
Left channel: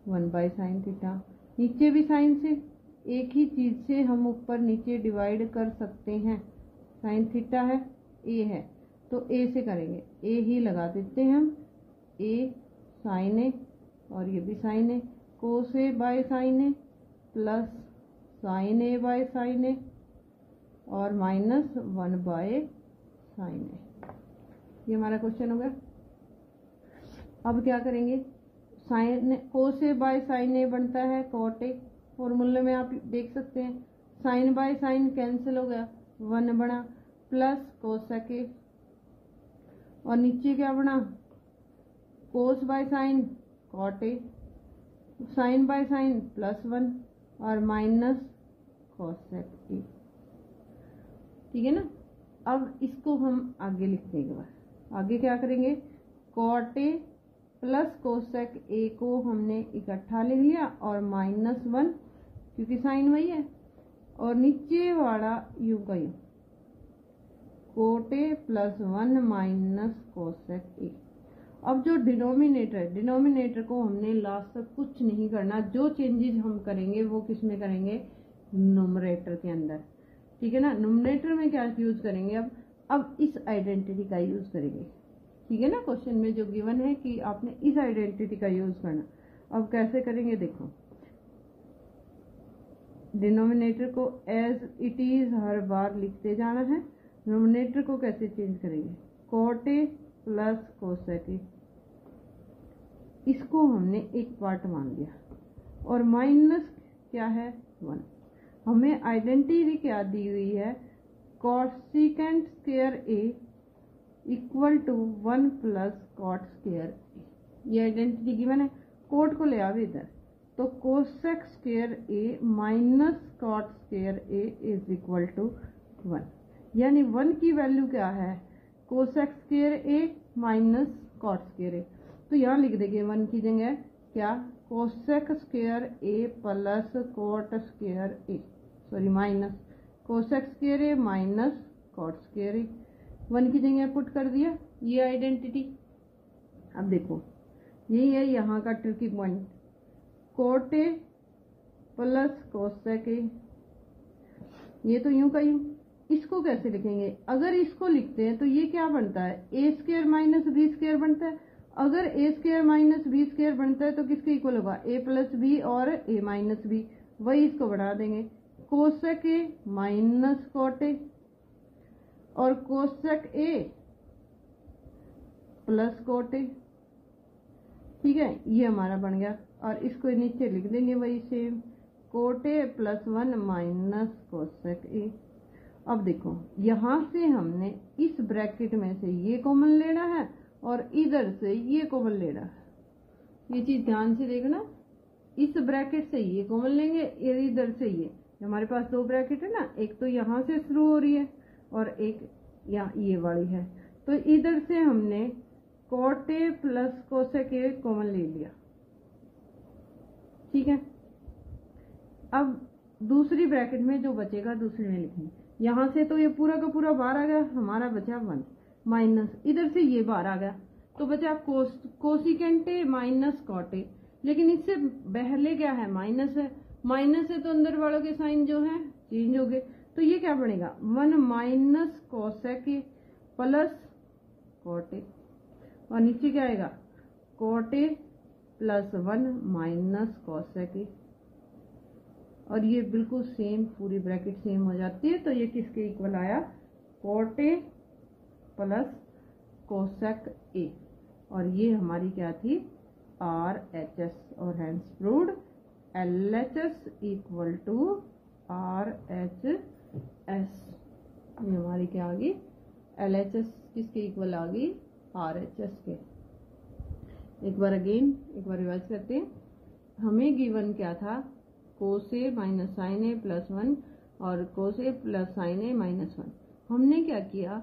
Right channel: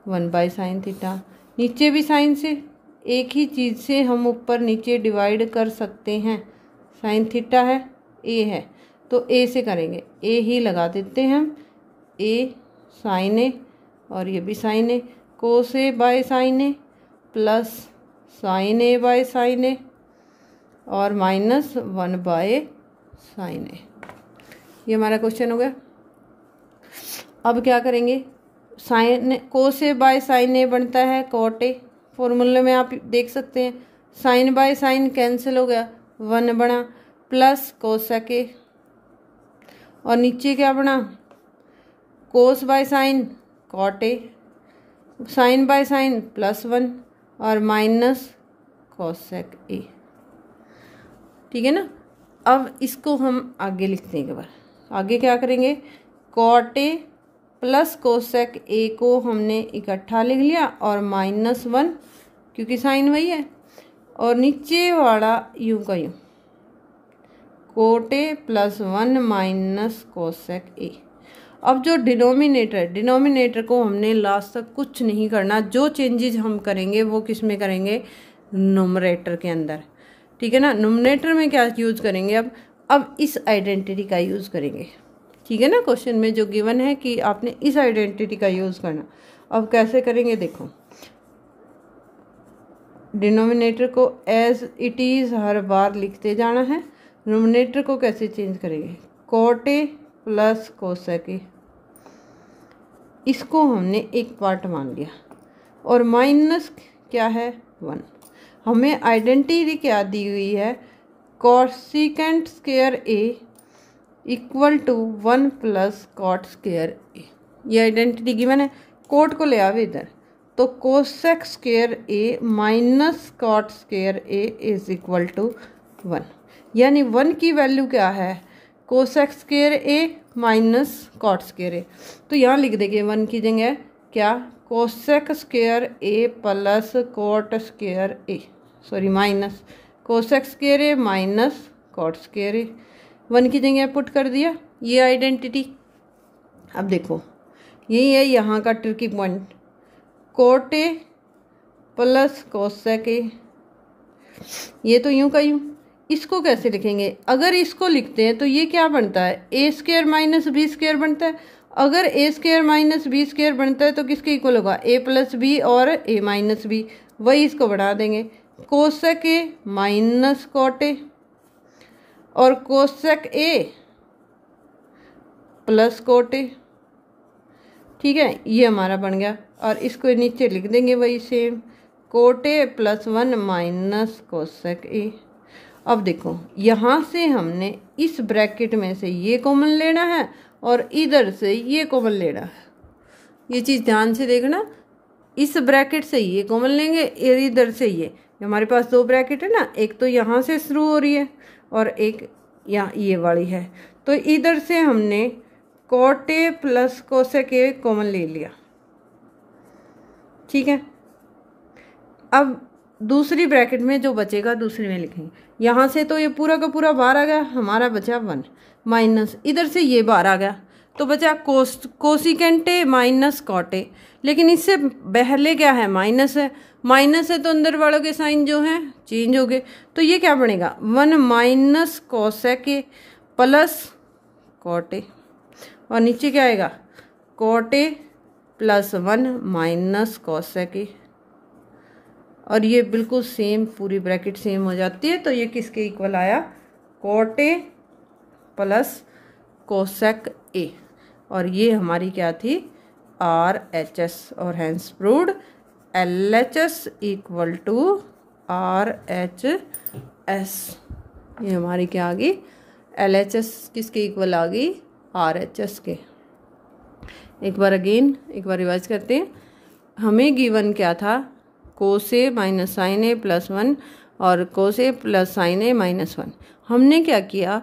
1 साइन थीटा। नीचे भी साइन से, एक ही चीज़ से हम ऊपर नीचे डिवाइड कर सकते हैं। साइन थीटा है, ए है, तो ए से करेंगे, ए ही लगा देते हैं हम, ए साइन ए और ये भी sine A, cos A by sine A plus sine A by sine A और माइनस 1 साइन ए। ये हमारा क्वेश्चन हो गया। अब क्या करेंगे, sine cos A by sine A बनता है कॉट ए। फॉर्मूले में आप देख सकते हैं साइन बाय साइन कैंसिल हो गया, 1 बना प्लस कोसेक ए और नीचे क्या बना, cos by sine cot A, sine by sine plus 1 और माइनस कोसेक ए। ठीक है ना। अब इसको हम आगे लिखते हैं। एक बार आगे क्या करेंगे, cot a plus cosec a को हमने इकट्ठा लिख लिया और -1 क्योंकि साइन वही है और नीचे वाला यूं का यूं cot A plus 1 minus cosec ए। अब जो डिनोमिनेटर को हमने लास्ट तक कुछ नहीं करना, जो चेंजेस हम करेंगे वो किस में करेंगे, नुमरेटर के अंदर, ठीक है ना। नुमरेटर में क्या यूज़ करेंगे, अब इस आइडेंटिटी का यूज़ करेंगे, ठीक है ना। क्वेश्चन में जो गिवन है कि आपने इस आइडेंटिटी का यूज़ करना। अब कैसे करेंगे देखो, डिनोमिनेटर को एज इट इज़ हर बार लिखते जाना है। नुमरेटर को कैसे चेंज करेंगे, कोट ए प्लस कोसेक ए, इसको हमने एक पार्ट मान लिया, और माइनस क्या है 1। हमें आइडेंटिटी क्या दी हुई है, cosecant square A equal to 1 plus cot square A. ये आइडेंटिटी गिवन है, कोट को ले आवे इधर, तो cosec square a minus cot square a is equal to 1। यानी 1 की वैल्यू क्या है, cosec square a minus cot square a. तो यहाँ लिख देंगे 1 की जगह क्या, cosec square a plus cot square A, sorry minus cosec square a minus cot square a. 1 की जगह पुट कर दिया ये आइडेंटिटी। अब देखो यही है यहाँ का tricky point, cot A plus cosec ए, ये तो यूँ का यूँ। इसको कैसे लिखेंगे, अगर इसको लिखते हैं तो ये क्या बनता है, ए स्क्वायर माइनस बी स्क्वायर बनता है। अगर ए स्क्वायर माइनस बी स्क्वायर बनता है तो किसके इक्वल होगा, ए प्लस बी और ए माइनस बी, वही इसको बढ़ा देंगे, कोसेक ए माइनस कॉट ए और cosec A plus cot A, ठीक है। ये हमारा बन गया, और इसको नीचे लिख देंगे वही same, cot A plus 1 minus cosec ए। अब देखो यहाँ से हमने इस ब्रैकेट में से ये कॉमन लेना है और इधर से ये कॉमन लेना है। ये चीज़ ध्यान से देखना, इस ब्रैकेट से ये कॉमन लेंगे, इधर से ये हमारे पास 2 ब्रैकेट है ना, एक तो यहाँ से शुरू हो रही है और एक यहाँ ये वाली है। तो इधर से हमने cot A plus cosec A common ले लिया, ठीक है। अब दूसरी ब्रैकेट में जो बचेगा दूसरी में लिखेंगे। यहाँ से तो ये पूरा का पूरा बाहर आ गया, हमारा बचा 1 माइनस इधर से ये बाहर आ गया, तो बचा cosecant a minus cot a. लेकिन इससे पहले क्या है, माइनस है, माइनस है तो अंदर वालों के साइन जो हैं चेंज हो गए। तो ये क्या बनेगा, 1 माइनस कोसेक ए प्लस कॉट ए, और नीचे क्या आएगा, cot a plus 1 minus cosec a. और ये बिल्कुल सेम, पूरी ब्रैकेट सेम हो जाती है। तो ये किसके इक्वल आया, cot a plus cosec a, और ये हमारी क्या थी, RHS, और hence proved LHS equal to RHS। ये हमारी क्या आ गई, LHS किसके इक्वल आ गई, RHS के। एक बार रिवाइज करते हैं। हमें गिवन क्या था, कोस ए माइनस साइन ए प्लस 1 और कोस ए प्लस साइन ए माइनस 1। हमने क्या किया,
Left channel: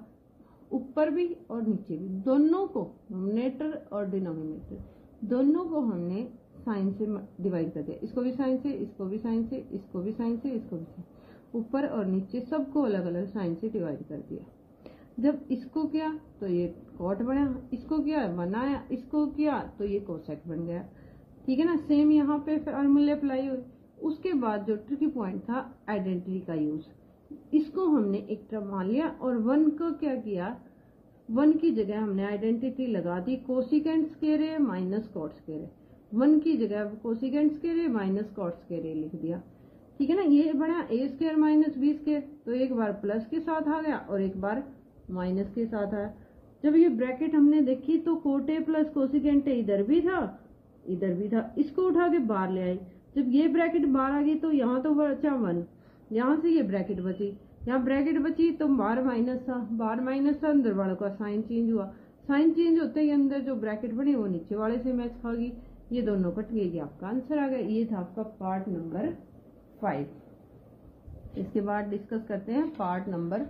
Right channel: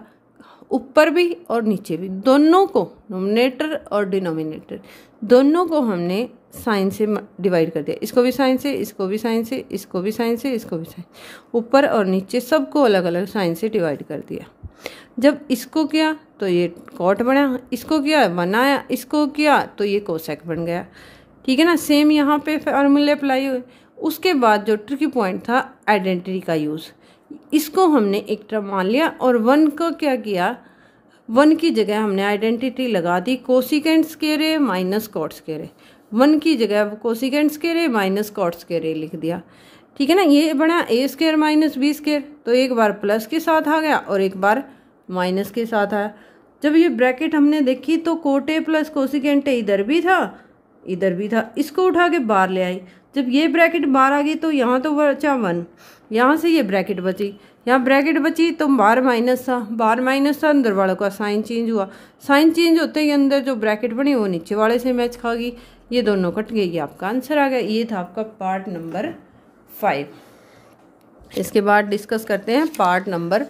ऊपर भी और नीचे भी, दोनों को, नोमिनेटर और डिनोमिनेटर दोनों को हमने साइन से डिवाइड कर दिया। इसको भी साइन से, इसको भी साइन से, इसको भी साइन से, इसको भी साइन, ऊपर और नीचे सबको अलग अलग साइन से डिवाइड कर दिया। जब इसको किया तो ये कॉट बना, इसको किया 1 आया, इसको किया तो ये कोसेक बन गया, ठीक है ना। सेम यहाँ पे फॉर्मूले अप्लाई हुए। उसके बाद जो ट्रिकी पॉइंट था, आइडेंटिटी का यूज़, इसको हमने एक टर्म मान लिया और 1 को क्या किया, 1 की जगह हमने आइडेंटिटी लगा दी cosecant square a minus cot square a. 1 की जगह cosecant square a minus cot square ए लिख दिया, ठीक है ना। ये बना ए स्क्वायर माइनस बी स्क्वायर, तो एक बार प्लस के साथ आ गया और एक बार माइनस के साथ आया। जब ये ब्रैकेट हमने देखी तो cot A plus cosecant A इधर भी था, इधर भी था, इसको उठा के बाहर ले आई। जब ये ब्रैकेट बाहर आ गई तो यहाँ तो बचा 1, यहाँ से ये ब्रैकेट बची, यहाँ ब्रैकेट बची तो बाहर माइनस था, बाहर माइनस था, अंदर वालों का साइन चेंज हुआ, साइन चेंज होते ही अंदर जो ब्रैकेट बनी वो नीचे वाले से मैच खा गई, ये दोनों कट गई, ये आपका आंसर आ गया। ये था आपका पार्ट नंबर 5। इसके बाद डिस्कस करते हैं पार्ट नंबर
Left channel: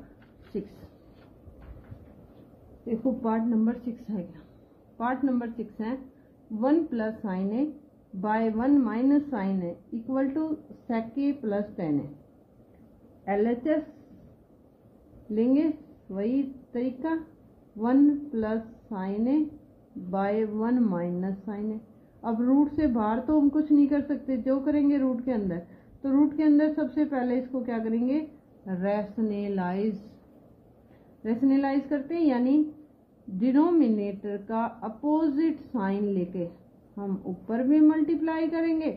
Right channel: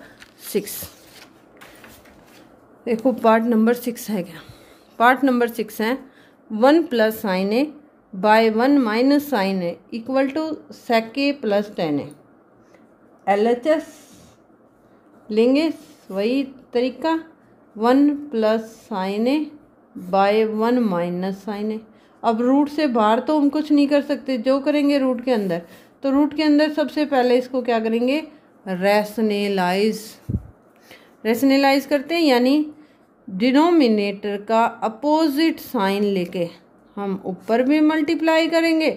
6। देखो पार्ट नंबर 6 है क्या, पार्ट नंबर 6 है 1 plus sine A by 1 minus sine a equal to sec a plus 10 a. LHS लेंगे वही तरीका 1 plus sine A by 1 minus sine a. अब रूट से बाहर तो हम कुछ नहीं कर सकते, जो करेंगे रूट के अंदर। तो रूट के अंदर सबसे पहले इसको क्या करेंगे, रैशनलाइज करते हैं, यानी डिनोमिनेटर का अपोजिट साइन लेके हम ऊपर भी मल्टीप्लाई करेंगे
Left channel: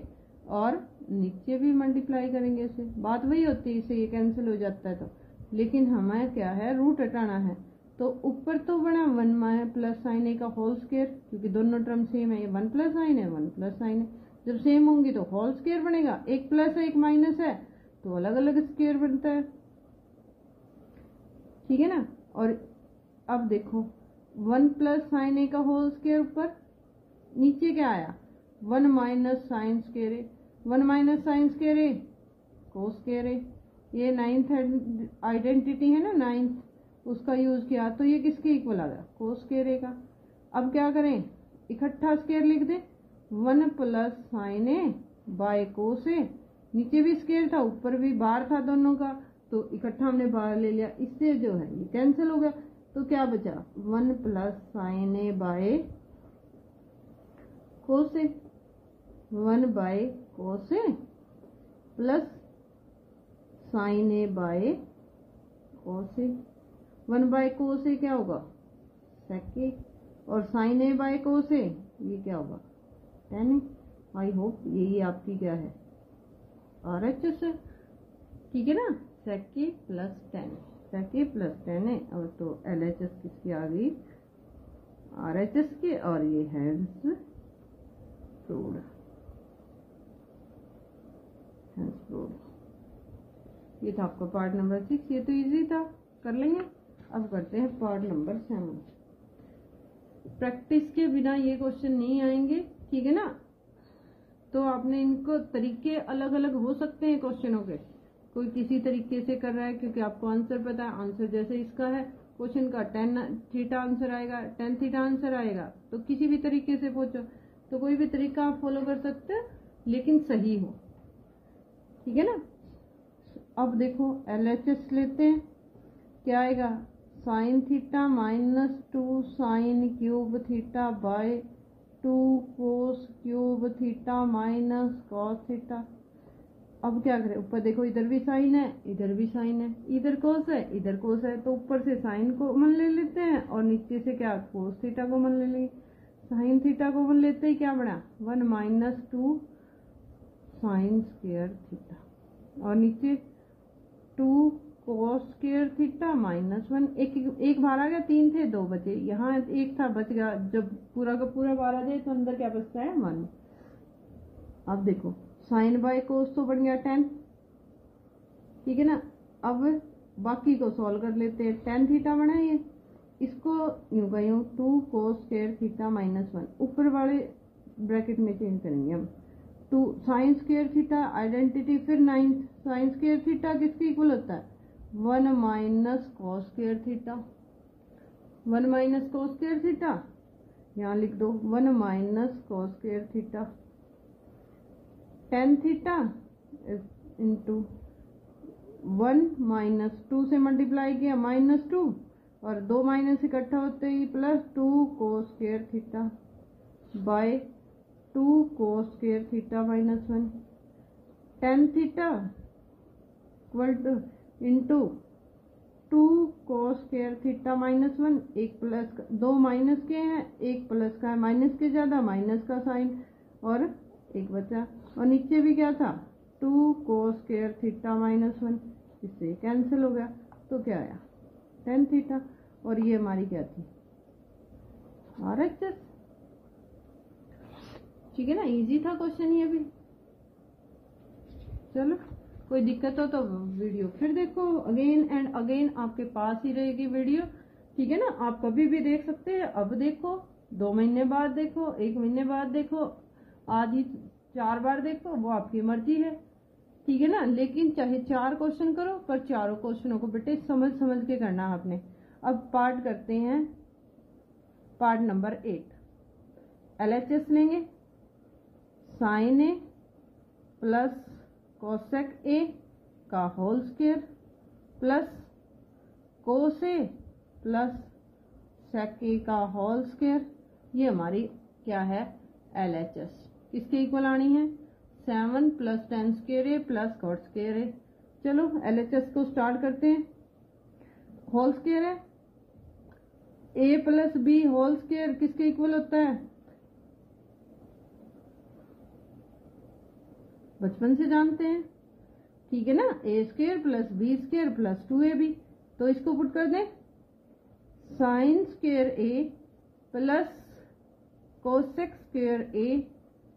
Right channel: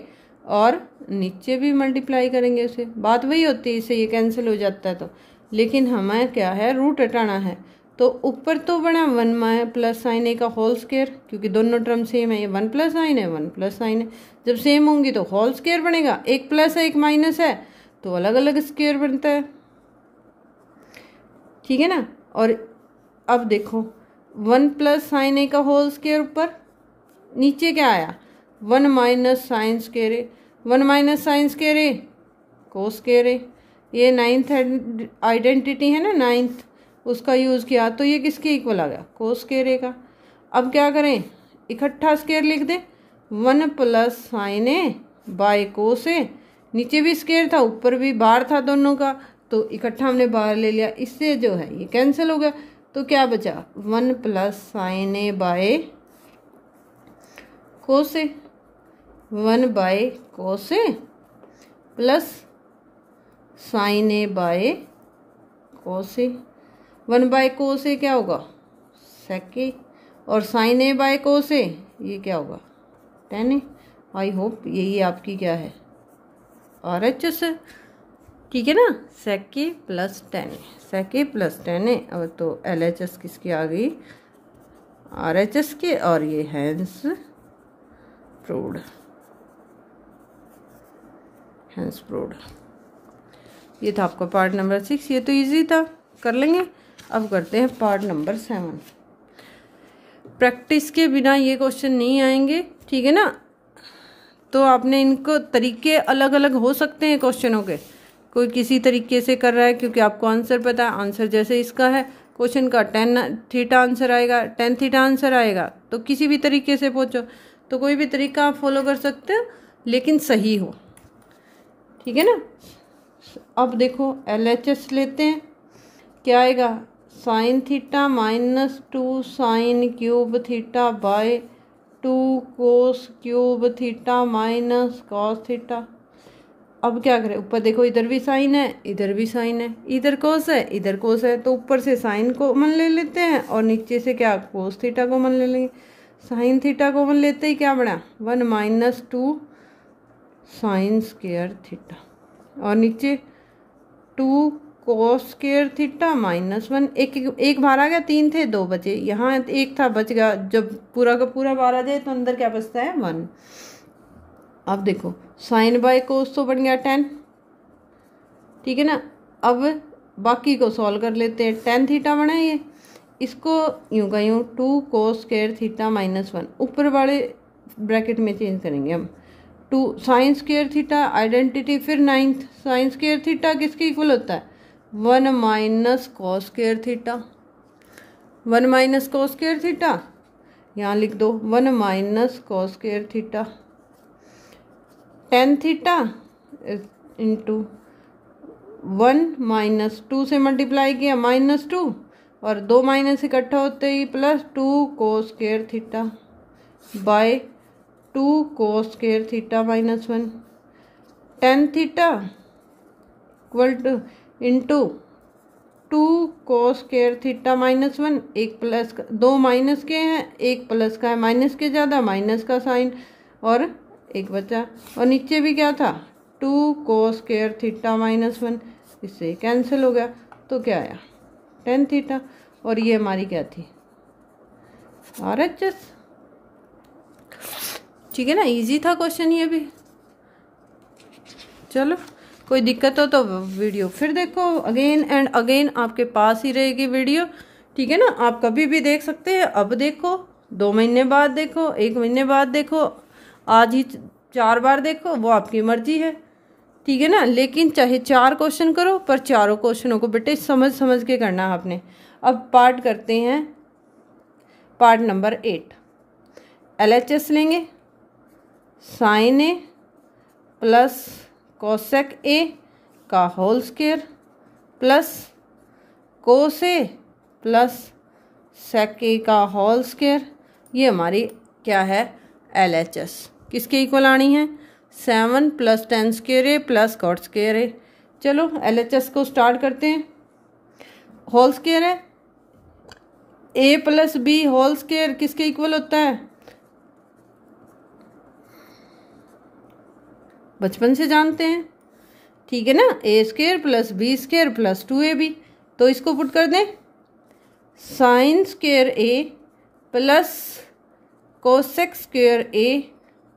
और नीचे भी मल्टीप्लाई करेंगे उसे। बात वही होती है, इससे ये कैंसिल हो जाता है। तो लेकिन हमें क्या है, रूट हटाना है। तो ऊपर तो बना 1 प्लस साइन ए का होल स्क्वायर, क्योंकि दोनों टर्म सेम है, ये 1 प्लस साइन है 1 प्लस साइन है। जब सेम होंगी तो होल स्क्वायर बनेगा, एक प्लस है एक माइनस है तो अलग अलग स्क्वायर बनता है, ठीक है ना। और अब देखो 1 प्लस साइन ए का होल स्क्वायर ऊपर, नीचे क्या आया 1 minus sign square a, 1 minus sign square A cos square A. ये 9th आइडेंटिटी है ना, 9th, उसका यूज़ किया तो ये किसके इक्वल आ गया, कोस स्क्वायर ए का। अब क्या करें, इकट्ठा स्क्वायर लिख दें, 1 plus sine A by cos A, नीचे भी स्क्वायर था ऊपर भी बार था दोनों का, तो इकट्ठा हमने बाहर ले लिया, इससे जो है ये कैंसिल हो गया। तो क्या बचा 1 plus sine A by cos A, 1 by cos A plus sine A by cos A. 1 by cos A क्या होगा सेक ए, और साइन ए बाय कोस ए ये क्या होगा tan ए। आई होप यही आपकी क्या है RHS है, ठीक है ना, सेक a plus tan A, sec a plus tan ए। और तो LHS किसकी आ गई, RHS के, और ये हैंस प्रूव्ड, हैंस प्रूव्ड। ये था आपका पार्ट नंबर 6, ये तो इजी था, कर लेंगे। अब करते हैं पार्ट नंबर 7। प्रैक्टिस के बिना ये क्वेश्चन नहीं आएंगे, ठीक है ना। तो आपने इनको तरीके अलग अलग हो सकते हैं क्वेश्चनों के, कोई किसी तरीके से कर रहा है क्योंकि आपको आंसर पता है। आंसर जैसे इसका है क्वेश्चन का tan थीटा आंसर आएगा, tan थीटा आंसर आएगा, तो किसी भी तरीके से पूछो तो कोई भी तरीका आप फॉलो कर सकते हो, लेकिन सही हो, ठीक है ना। अब देखो LHS लेते हैं, क्या आएगा sign theta minus 2 sign cube theta by 2 cos cube theta minus cos theta. अब क्या करें, ऊपर देखो इधर भी साइन है इधर भी साइन है, इधर कोस है इधर कोस है, तो ऊपर से साइन कॉमन ले लेते हैं और नीचे से क्या कोस थीटा कॉमन ले लेंगे। साइन थीटा कॉमन लेते ही क्या बना 1 माइनस 2 साइन स्क्वायर थीटा, और नीचे 2 कोस स्क्वायर थीटा माइनस 1। एक बाहर आ गया, 3 थे 2 बचे, यहाँ एक था बच गया। जब पूरा का पूरा बाहर आ जाए तो अंदर क्या बचता है 1। अब देखो साइन बाय कोस तो बन गया tan, ठीक है ना। अब बाकी को सॉल्व कर लेते हैं, tan थीटा बना है ये, इसको यूँ का यूँ 2 कोस स्क्वायर थीटा माइनस 1 ऊपर वाले ब्रैकेट में चेंज करेंगे हम। 2 साइन स्क्वायर थीटा आइडेंटिटी, फिर 9th साइन स्क्वायर थीटा किसके इक्वल होता है 1 minus cos square theta, 1 minus cos square theta, यहाँ लिख दो 1 minus cos square theta, tan theta into 1 minus 2 से मल्टीप्लाई किया माइनस 2, और 2 माइनस इकट्ठा होते ही plus 2 cos square theta by 2 cos square theta minus 1। tan theta equal to into 2 cos square theta minus 1, एक प्लस का 2 माइनस के हैं एक प्लस का है, माइनस के ज़्यादा माइनस का साइन, और एक बचा, और नीचे भी क्या था 2 कोस स्क्वायर थीटा माइनस 1, इससे कैंसिल हो गया। तो क्या आया tan थीटा, और ये हमारी क्या थी RHS, ठीक है ना। इजी था क्वेश्चन ये भी। चलो कोई दिक्कत हो तो वीडियो फिर देखो, अगेन एंड अगेन आपके पास ही रहेगी वीडियो, ठीक है ना। आप कभी भी देख सकते हैं, अब देखो 2 महीने बाद देखो, 1 महीने बाद देखो, आज ही 4 बार देखो, वो आपकी मर्जी है, ठीक है ना। लेकिन चाहे 4 क्वेश्चन करो, पर चारों क्वेश्चनों को बेटे समझ समझ के करना है आपने। अब पार्ट करते हैं, पार्ट नंबर 8। LHS लेंगे, sine A plus cosec a का whole square plus cos A plus sec a का होल स्क्वायर। ये हमारी क्या है, LHS किसके इक्वल आनी है, 7 + 10 square a plus cot square ए। चलो LHS को स्टार्ट करते हैं। होल स्क्वायर है, A + B होल स्क्वायर किसके इक्वल होता है, बचपन से जानते हैं, ठीक है ना, A² + B² + 2AB। तो इसको पुट कर दें, sin square A plus cosec square A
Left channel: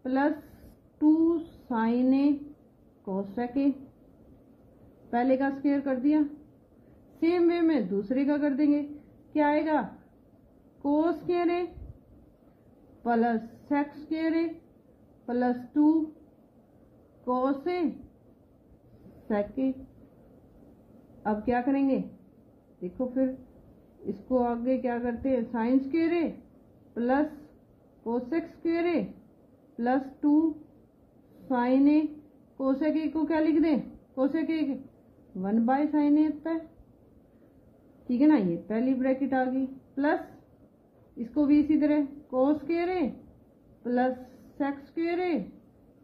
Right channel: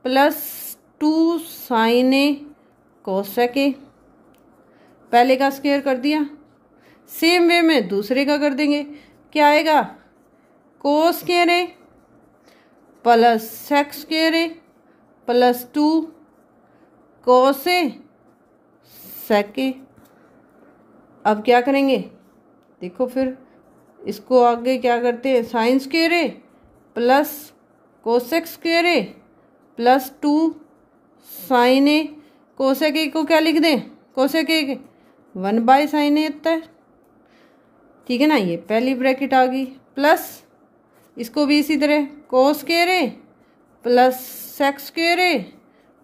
plus 2 sin A cosec A। पहले का स्क्वायर कर दिया, सेम वे में दूसरे का कर देंगे। क्या आएगा, cos square A plus sec square A plus 2 cos A sec A। अब क्या करेंगे, देखो फिर इसको आगे क्या करते हैं, sign square A plus cosec square A plus 2 sin A। Cosec A को क्या लिख दें, कोसेक A 1/sin A होता है, ठीक है ना। ये पहली ब्रैकेट आ गई, प्लस इसको भी इसी तरह cos square A plus sec square A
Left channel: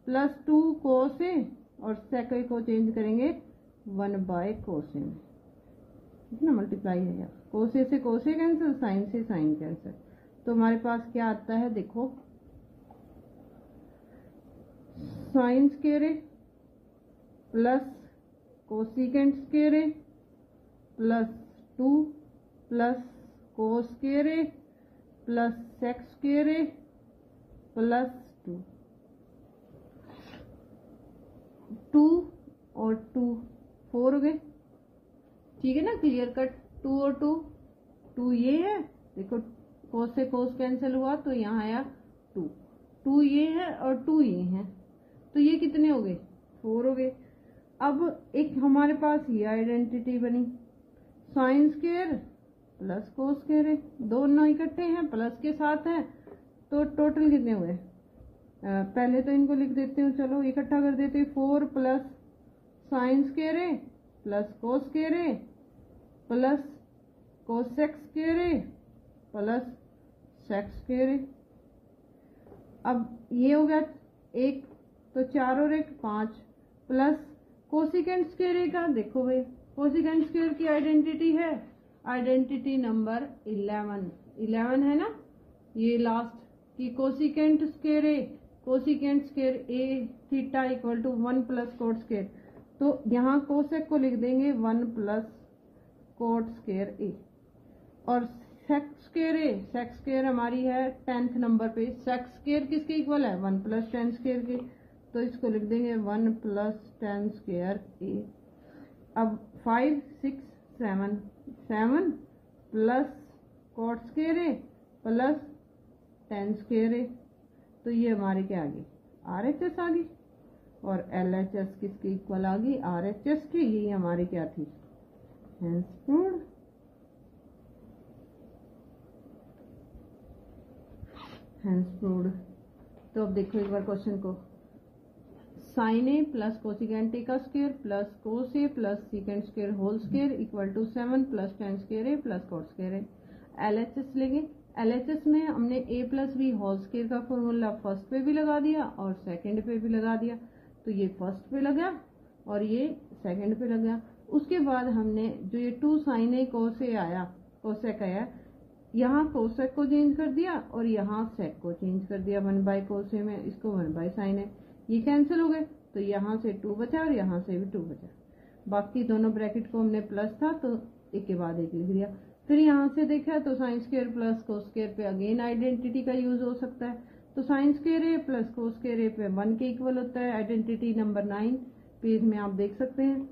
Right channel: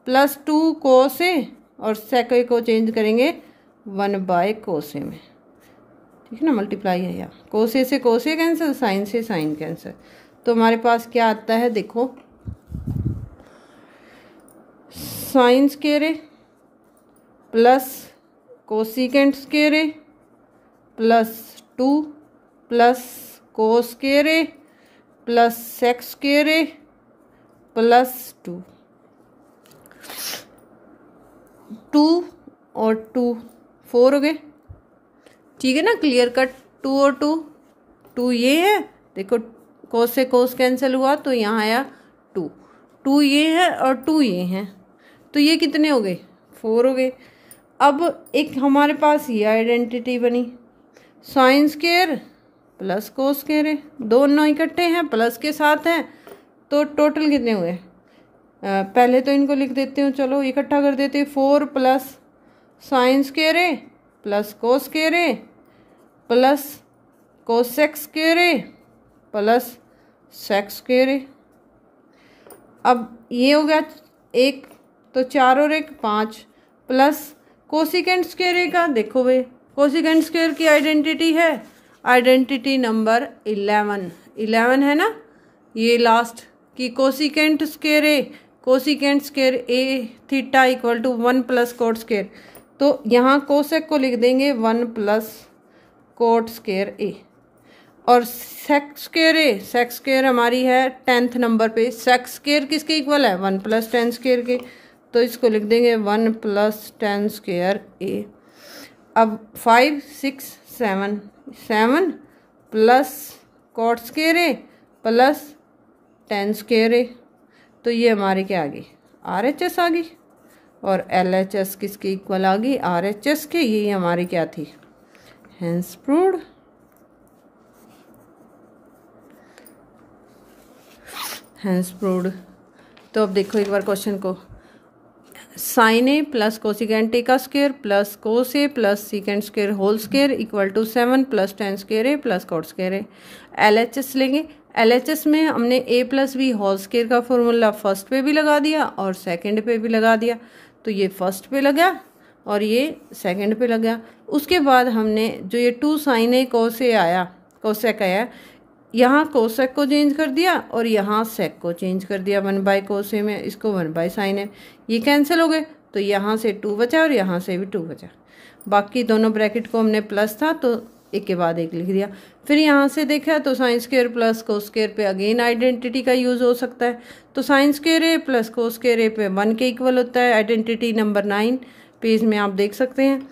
plus 2 cos A और सेक A को चेंज करेंगे 1/cos A में, ठीक है ना, मल्टीप्लाई है यहाँ, कोस A से कोस A कैंसिल, साइन से साइन कैंसिल। तो हमारे पास क्या आता है, देखो sine square A plus cosecant square A plus 2 plus cos square A plus sec square A plus 2 और 2 4 हो गए, ठीक है ना, क्लियर कट। 2 और 2 ये है, देखो कोस से कोस कैंसिल हुआ तो यहाँ आया 2 ये है और 2 ये हैं, तो ये कितने हो गए, 4 हो गए। अब एक हमारे पास ये आइडेंटिटी बनी, sign square plus cos square है, दोनों इकट्ठे हैं, प्लस के साथ हैं, तो टोटल कितने हुए, पहले तो इनको लिख देते हूँ, चलो इकट्ठा कर देते हैं। 4 plus sine square A plus cos square A plus cosec square A plus sec square A। अब ये हो गया 1, तो 4 और 1 5 प्लस कोसिकेंट स्क्वायर A का, देखो भाई कोसिकेंट स्क्वायर की आइडेंटिटी है, आइडेंटिटी नंबर 11 है ना, ये लास्ट की cosecant square A, cosecant square A theta equal to 1 + cot square. तो यहाँ कोसेक को लिख देंगे 1 + कोट स्क्वायर A और सेक स्क्वायर हमारी है 10th नंबर पे, सेक स्क्वायर किसके इक्वल है, 1 + 10 स्क्वायर के, तो इसको लिख देंगे 1 + 10 स्क्वायर A। अब 5 6 7 plus cot square A plus 10 स्क्वायर A, तो ये हमारे क्या आ गई, RHS आ गई, और LHS किसके इक्वल आ गई, RHS के। ये हमारी क्या थी, हेंस प्रूव्ड। तो अब देखो एक बार क्वेश्चन को, sine A plus cosecant A का square plus cos A plus secant square whole square equal to 7 + 10 स्क्वायर A plus cot square A। LHS लेंगे, LHS में हमने A + B होल स्क्वायर का फॉर्मूला फर्स्ट पे भी लगा दिया और सेकंड पे भी लगा दिया, तो ये फर्स्ट पे लगा और ये सेकंड पे लगा। उसके बाद हमने जो ये 2 sin A कोस A आया, कोसेक आया, यहाँ कोसेक को चेंज कर दिया और यहाँ सेक को चेंज कर दिया 1/cos A में, इसको 1/sin A, ये कैंसिल हो गए, तो यहाँ से 2 बचा और यहाँ से भी 2 बचा। बाकी दोनों ब्रैकेट को हमने प्लस था तो एक के बाद एक लिख दिया। फिर यहाँ से देखा तो sine square plus cos square पे अगेन आइडेंटिटी का यूज़ हो सकता है, तो sine square A plus cos square A पे 1 के इक्वल होता है, आइडेंटिटी नंबर 9 पेज में आप देख सकते हैं,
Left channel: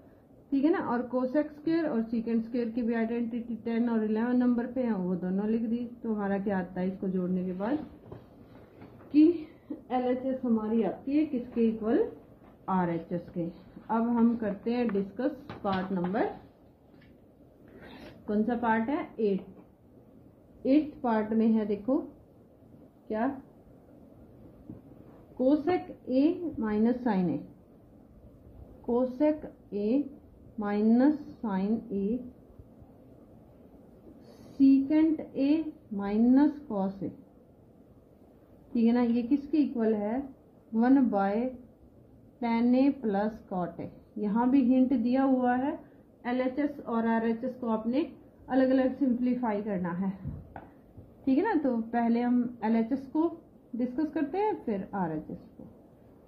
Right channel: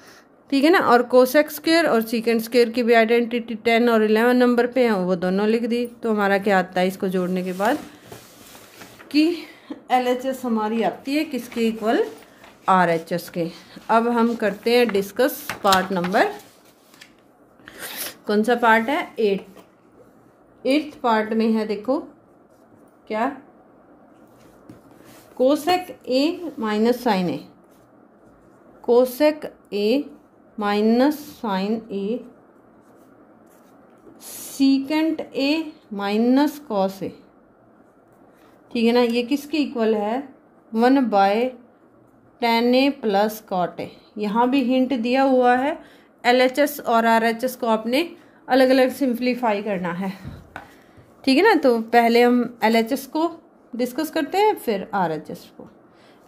ठीक है ना। और कोसेक स्क्वायर और सीकेंट स्क्वायर की भी आइडेंटिटी 10 और 11 नंबर पे हैं, वो दोनों लिख दी। तो हमारा क्या आता है इसको जोड़ने के बाद कि LHS हमारी आती है किसके इक्वल, RHS के। अब हम करते हैं डिस्कस पार्ट नंबर, कौन सा पार्ट है, 8th पार्ट में है, देखो क्या, cosec A minus sine A, cosec A minus sine A secant A minus cos A, ठीक है ना। ये किसके इक्वल है, 1/tan a प्लस कॉट ए। यहाँ भी हिंट दिया हुआ है, LHS और RHS को आपने अलग अलग सिंप्लीफाई करना है, ठीक है ना। तो पहले हम LHS को डिस्कस करते हैं, फिर RHS को।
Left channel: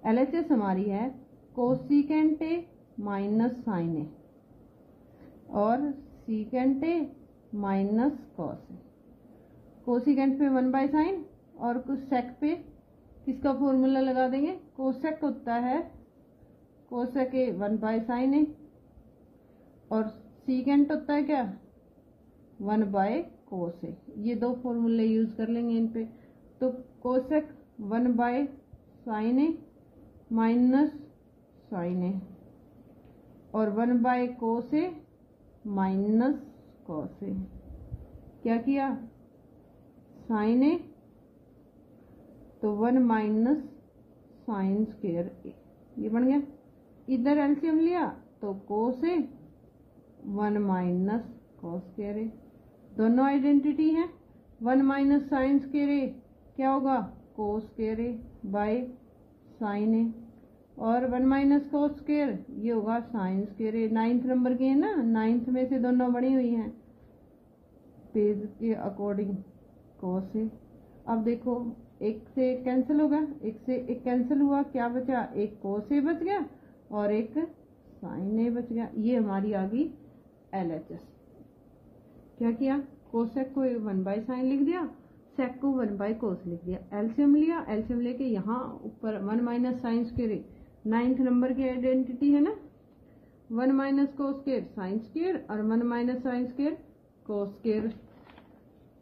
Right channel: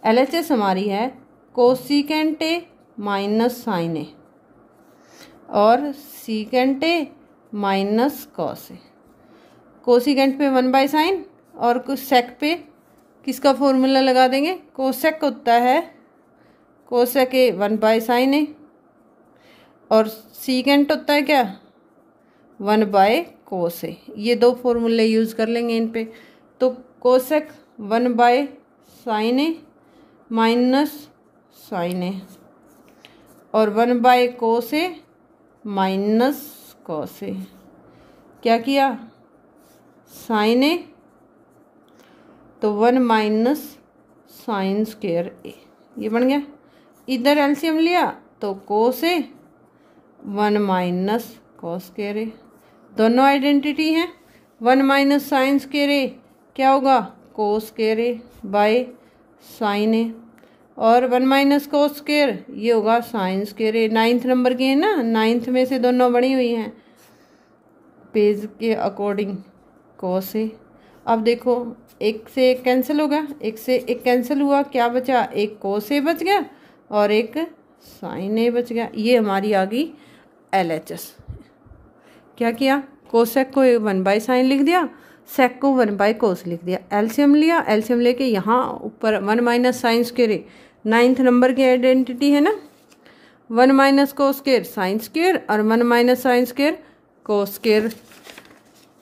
LHS हमारी है cosecant a minus sine A और secant A minus cos A. Cosecant पे 1/sin और कुछ सेक पे किसका फॉर्मूला लगा देंगे, कोसेक होता है कोसेक ए 1/sin ए और सीकेंट होता है क्या 1/cos ए। ये दो फॉर्मूले यूज़ कर लेंगे इन पे। तो cosec 1/sin A minus sine A और 1/cos ए माइनस कॉस ए। क्या किया, साइन ए तो 1 माइनस साइन स्क्वायर ए, ये बन गया। इधर एलसीएम लिया तो कोस ए 1 माइनस कॉस स्क्वायर ए, दोनों आइडेंटिटी हैं। 1 माइनस साइन स्क्वायर ए क्या होगा, cos square A by sine A और 1 माइनस कोस स्क्वायर ये होगा साइन स्क्वायर ए। 9th नंबर की है ना, 9th में से दोनों बनी हुई हैं पेज के अकॉर्डिंग, कोस ए। अब देखो एक से एक कैंसिल होगा, एक से एक कैंसिल हुआ, क्या बचा, एक कोस ए बच गया और एक साइन ए बच गया। ये हमारी आ गई LHS। क्या किया, कोसेक को 1/sin लिख दिया, सेक को 1/cos लिख दिया। एलसीएम लिया, एलसीएम लेके यहाँ ऊपर 1 minus sine square, 9th number की आइडेंटिटी है ना, 1 minus cos square sine square और 1 minus sine square cos square,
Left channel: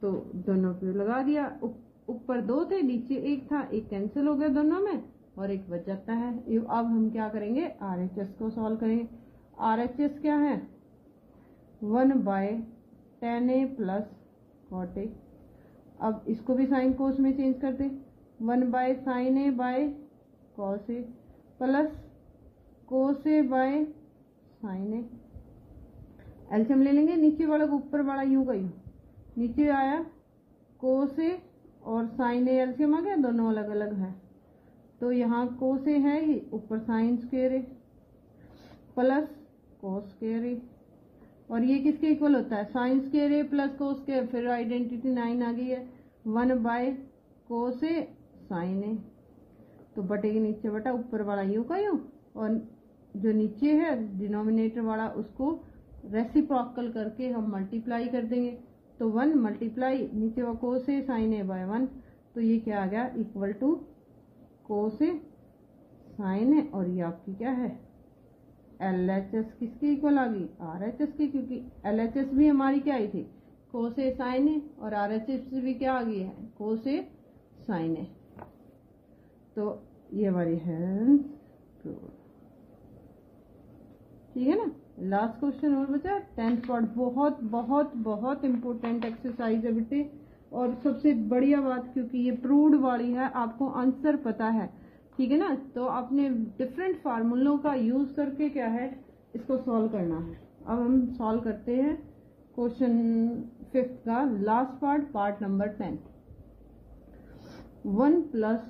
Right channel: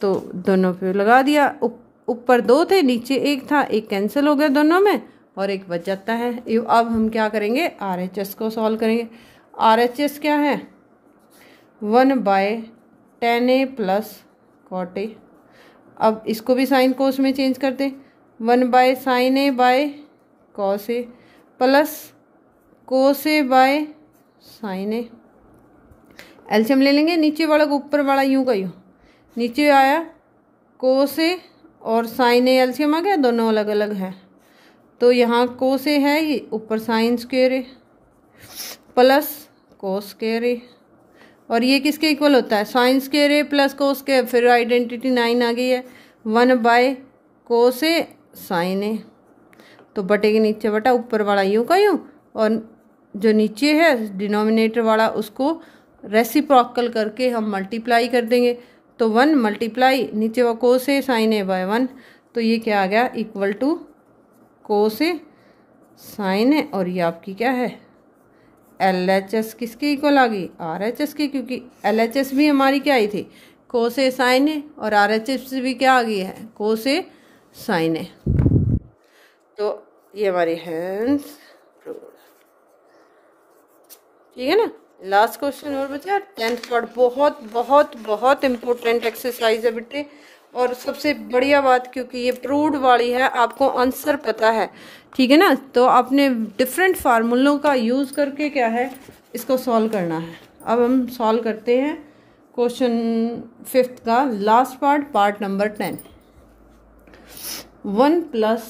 तो दोनों पे लगा दिया। ऊपर 2 थे, नीचे 1 था, एक कैंसिल हो गया दोनों में और एक बच जाता है। अब हम क्या करेंगे, RHS को सॉल्व करेंगे। RHS क्या है, 1/tan a प्लस कॉट ए। अब इसको भी साइन कोस में चेंज करते, 1/sin a by cos A plus cos A by sine A. LCM ले लेंगे, नीचे वाला को ऊपर वाला यूं का यूं, नीचे आया कोस ए और साइन ए, एलसीएम आ गया, दोनों अलग अलग हैं। तो यहाँ कोस ए है, ये ऊपर sign square a plus cos square ए और ये किसके इक्वल होता है, sine square a plus cos square. फिर आइडेंटिटी 9 आ गई है, 1/cos ए साइन ए, तो बटे के नीचे बटा, ऊपर वाला यूं का यूं और जो नीचे है डिनोमिनेटर वाला उसको रेसिप्रोकल करके हम मल्टीप्लाई कर देंगे। तो 1 मल्टीप्लाई नीचे वो कोस ए साइन ए बाय 1, तो ये क्या आ गया, equal to cos A sine A और ये आपकी क्या है LHS किसके इक्वल आ गई, RHS की, क्योंकि LHS भी हमारी क्या आई थी, कोस ए साइन ए और RHS भी क्या आ गई है, कोस ए साइन ए। तो ये हमारी हैंस ठीक है ना। लास्ट क्वेश्चन और बचा 10th पार्ट, बहुत बहुत बहुत इम्पोर्टेंट एक्सरसाइज है बेटे। और सबसे बढ़िया बात, क्योंकि ये प्रूव्ड वाली है, आपको आंसर पता है, ठीक है ना, तो आपने डिफरेंट फार्मूलों का यूज़ करके क्या है इसको सॉल्व करना है। अब हम सॉल्व करते हैं क्वेश्चन 5th का last part, part number 10। 1 plus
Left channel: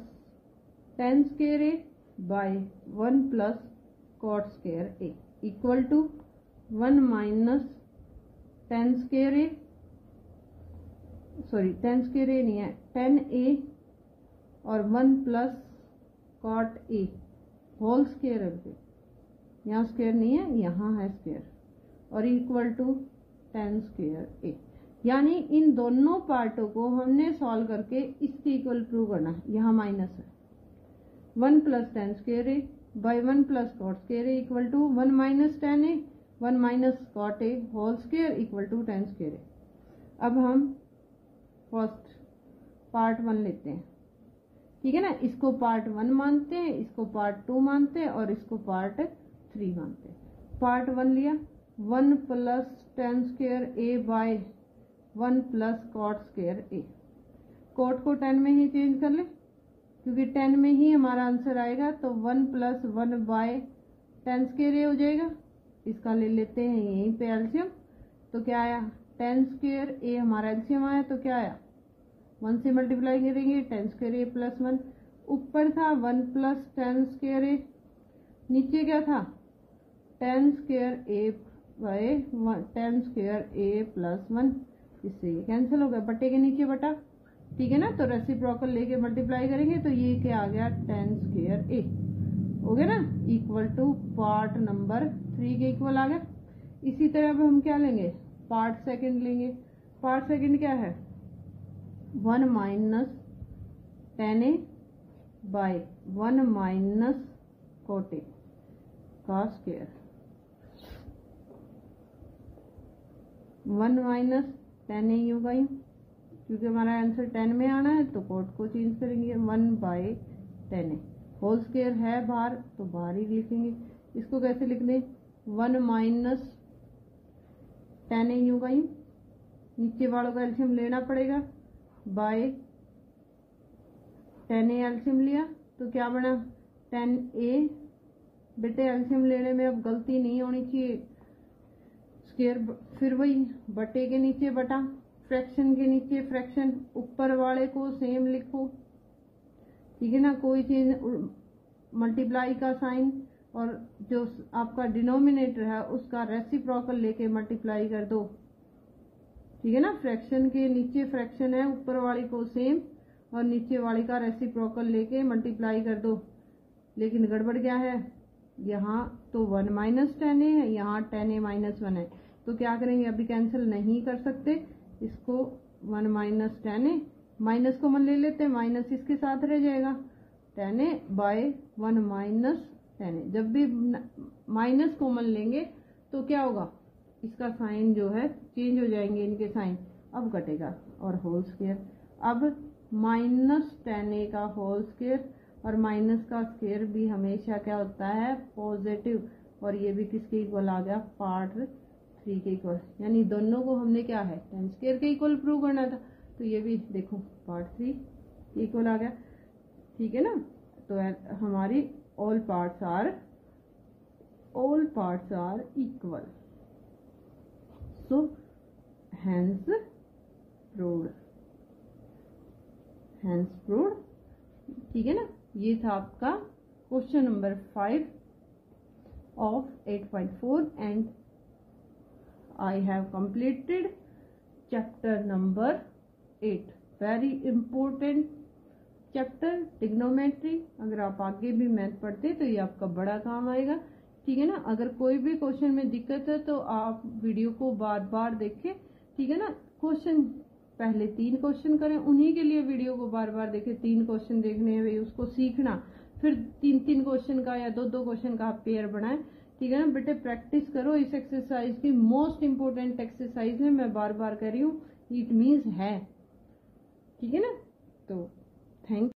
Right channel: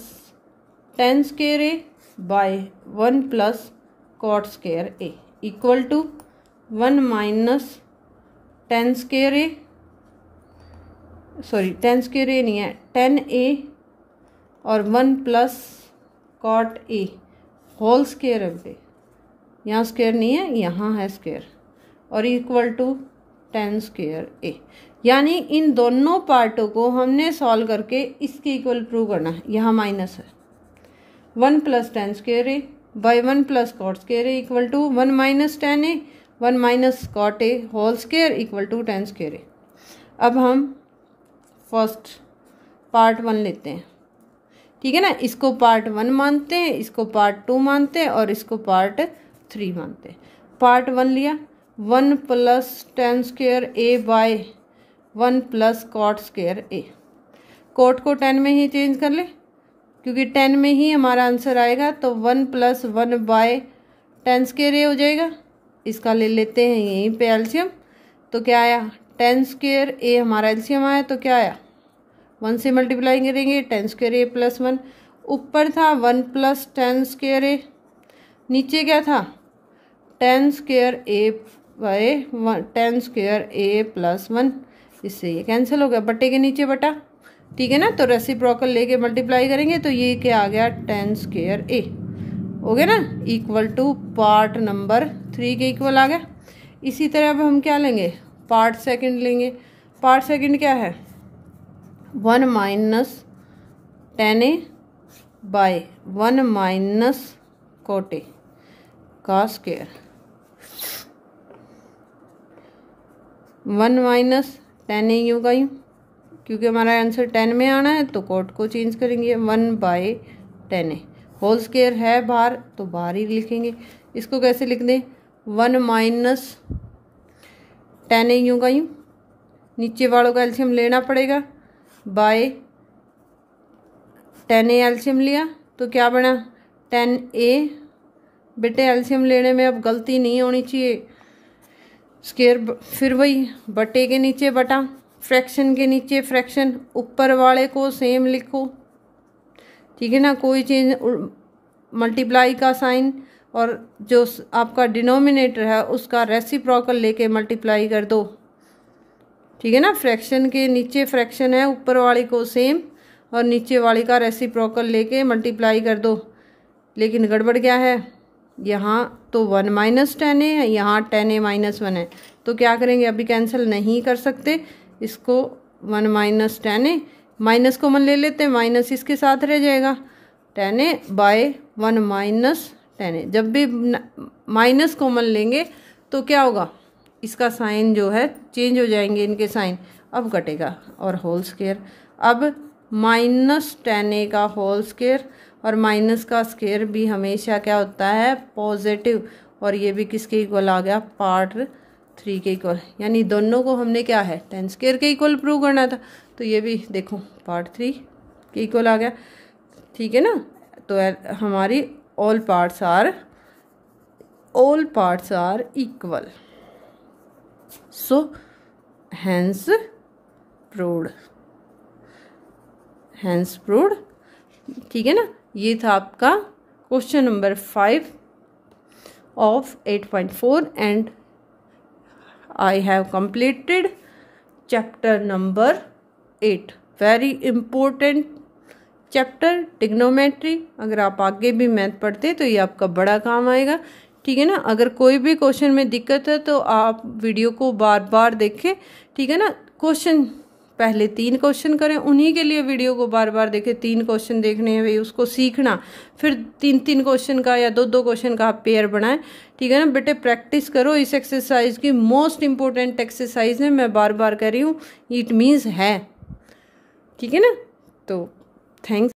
tan square A by 1 plus cot square A equal to 1 minus tan square A, sorry tan square A नहीं है, tan a और 1 plus cot A whole square है पे, यहाँ square नहीं है, यहाँ है स्क्वायर, और इक्वल टू tan स्क्वायर ए। यानी इन दोनों पार्टों को हमने सॉल्व करके इसके इक्वल प्रूव करना है। यहाँ माइनस है, 1 plus tan square A by 1 plus cot square A equal to 1 minus tan A 1 minus cot A whole square equal to tan square A. अब हम फर्स्ट पार्ट 1 लेते हैं, ठीक है ना, इसको पार्ट 1 मानते हैं, इसको पार्ट 2 मानते हैं और इसको पार्ट 3 मानते हैं। पार्ट 1 लिया, 1 plus tan square A by 1 plus cot square A. Cot को tan में ही चेंज कर ले, क्योंकि tan में ही हमारा आंसर आएगा, तो 1 प्लस 1 बाय tan स्क्वायर ए हो जाएगा। इसका ले लेते हैं यहीं पे एलसीएम, तो क्या आया 10 स्क्वायर ए हमारा एलसीएम आया तो क्या आया, 1 से मल्टीप्लाई करेंगे 10 स्क्वायर ए प्लस 1, ऊपर था 1 प्लस 10 स्क्वायर ए, नीचे क्या था 10 square A bye 10 square a plus 1, इससे ये कैंसिल हो गया, बटे के नीचे बटा, ठीक है ना। तो रेसिप्रोकल लेके मल्टीप्लाई करेंगे तो ये क्या आ गया 10 स्क्वायर ए हो गया ना, इक्वल टू पार्ट नंबर 3 के इक्वल आ गया। इसी तरह अब हम क्या लेंगे, पार्ट सेकंड लेंगे। पार्ट सेकंड क्या है 1 माइनस 10a बाय 1 माइनस cot a का स्क्वायर, 1 माइनस 10a यूँ का यूँ, क्योंकि हमारा आंसर 10 में आना है तो कोट को चेंज करेंगे 1 बाय 10a, होल स्क्वायर है बाहर तो बाहर ही लिखेंगे। इसको कैसे लिख दें 1 माइनस 10a यूँ का यूँ, नीचे वालों का एलसीएम लेना पड़ेगा, बाय 10a एलसीएम लिया तो क्या बना 10a, बेटे एलसीएम लेने में अब गलती नहीं होनी चाहिए, स्क्वायर फिर वही बटे के नीचे बटा, फ्रैक्शन के नीचे फ्रैक्शन, ऊपर वाले को सेम लिखो, ठीक है ना, कोई चेंज, मल्टीप्लाई का साइन, और जो आपका डिनोमिनेटर है उसका रेसिप्रोकल लेके मल्टीप्लाई कर दो, ठीक है ना। फ्रैक्शन के नीचे फ्रैक्शन है, ऊपर वाले को सेम और नीचे वाले का रेसिप्रोकल लेके मल्टीप्लाई कर दो। लेकिन गड़बड़ क्या है, यहाँ तो 1 माइनस 10a है, यहाँ 10a माइनस 1 है, तो क्या करेंगे, अभी कैंसिल नहीं कर सकते इसको, 1 माइनस 10a माइनस कॉमन ले लेते हैं, माइनस इसके साथ रह जाएगा 10a बाय 1 माइनस 10a। जब भी माइनस कॉमन लेंगे तो क्या होगा, इसका साइन जो है चेंज हो जाएंगे इनके साइन, अब कटेगा और होल स्क्वायर, अब माइनस 10a का होल स्क्वायर, और माइनस का स्क्वायर भी हमेशा क्या होता है पॉजिटिव, और ये भी किसके इक्वल आ गया पार्ट 3 के इक्वल, यानी दोनों को हमने क्या है 10 स्क्वायर के इक्वल प्रूव करना था, तो ये भी देखो पार्ट 3 के इक्वल आ गया, ठीक है ना। तो हमारी all parts are equal, so hence proved, ठीक है ना। ये था आपका question number 5 of 8.4 and I have completed chapter number 8, very important chapter trigonometry. अगर आप आगे भी मैथ पढ़ते तो ये आपका बड़ा काम आएगा, ठीक है ना। अगर कोई भी क्वेश्चन में दिक्कत है तो आप वीडियो को बार बार देखें, ठीक है ना। क्वेश्चन पहले 3 क्वेश्चन करें, उन्हीं के लिए वीडियो को बार बार देखें, 3 क्वेश्चन देखने हैं भाई, उसको सीखना, फिर 3 क्वेश्चन का या 2 क्वेश्चन का आप पेयर बनाएं, ठीक है ना। बेटे प्रैक्टिस करो, इस एक्सरसाइज की मोस्ट इंपॉर्टेंट एक्सरसाइज है, मैं बार बार कह रही हूँ, इट मीन्स है, ठीक है ना। तो थैंक्स।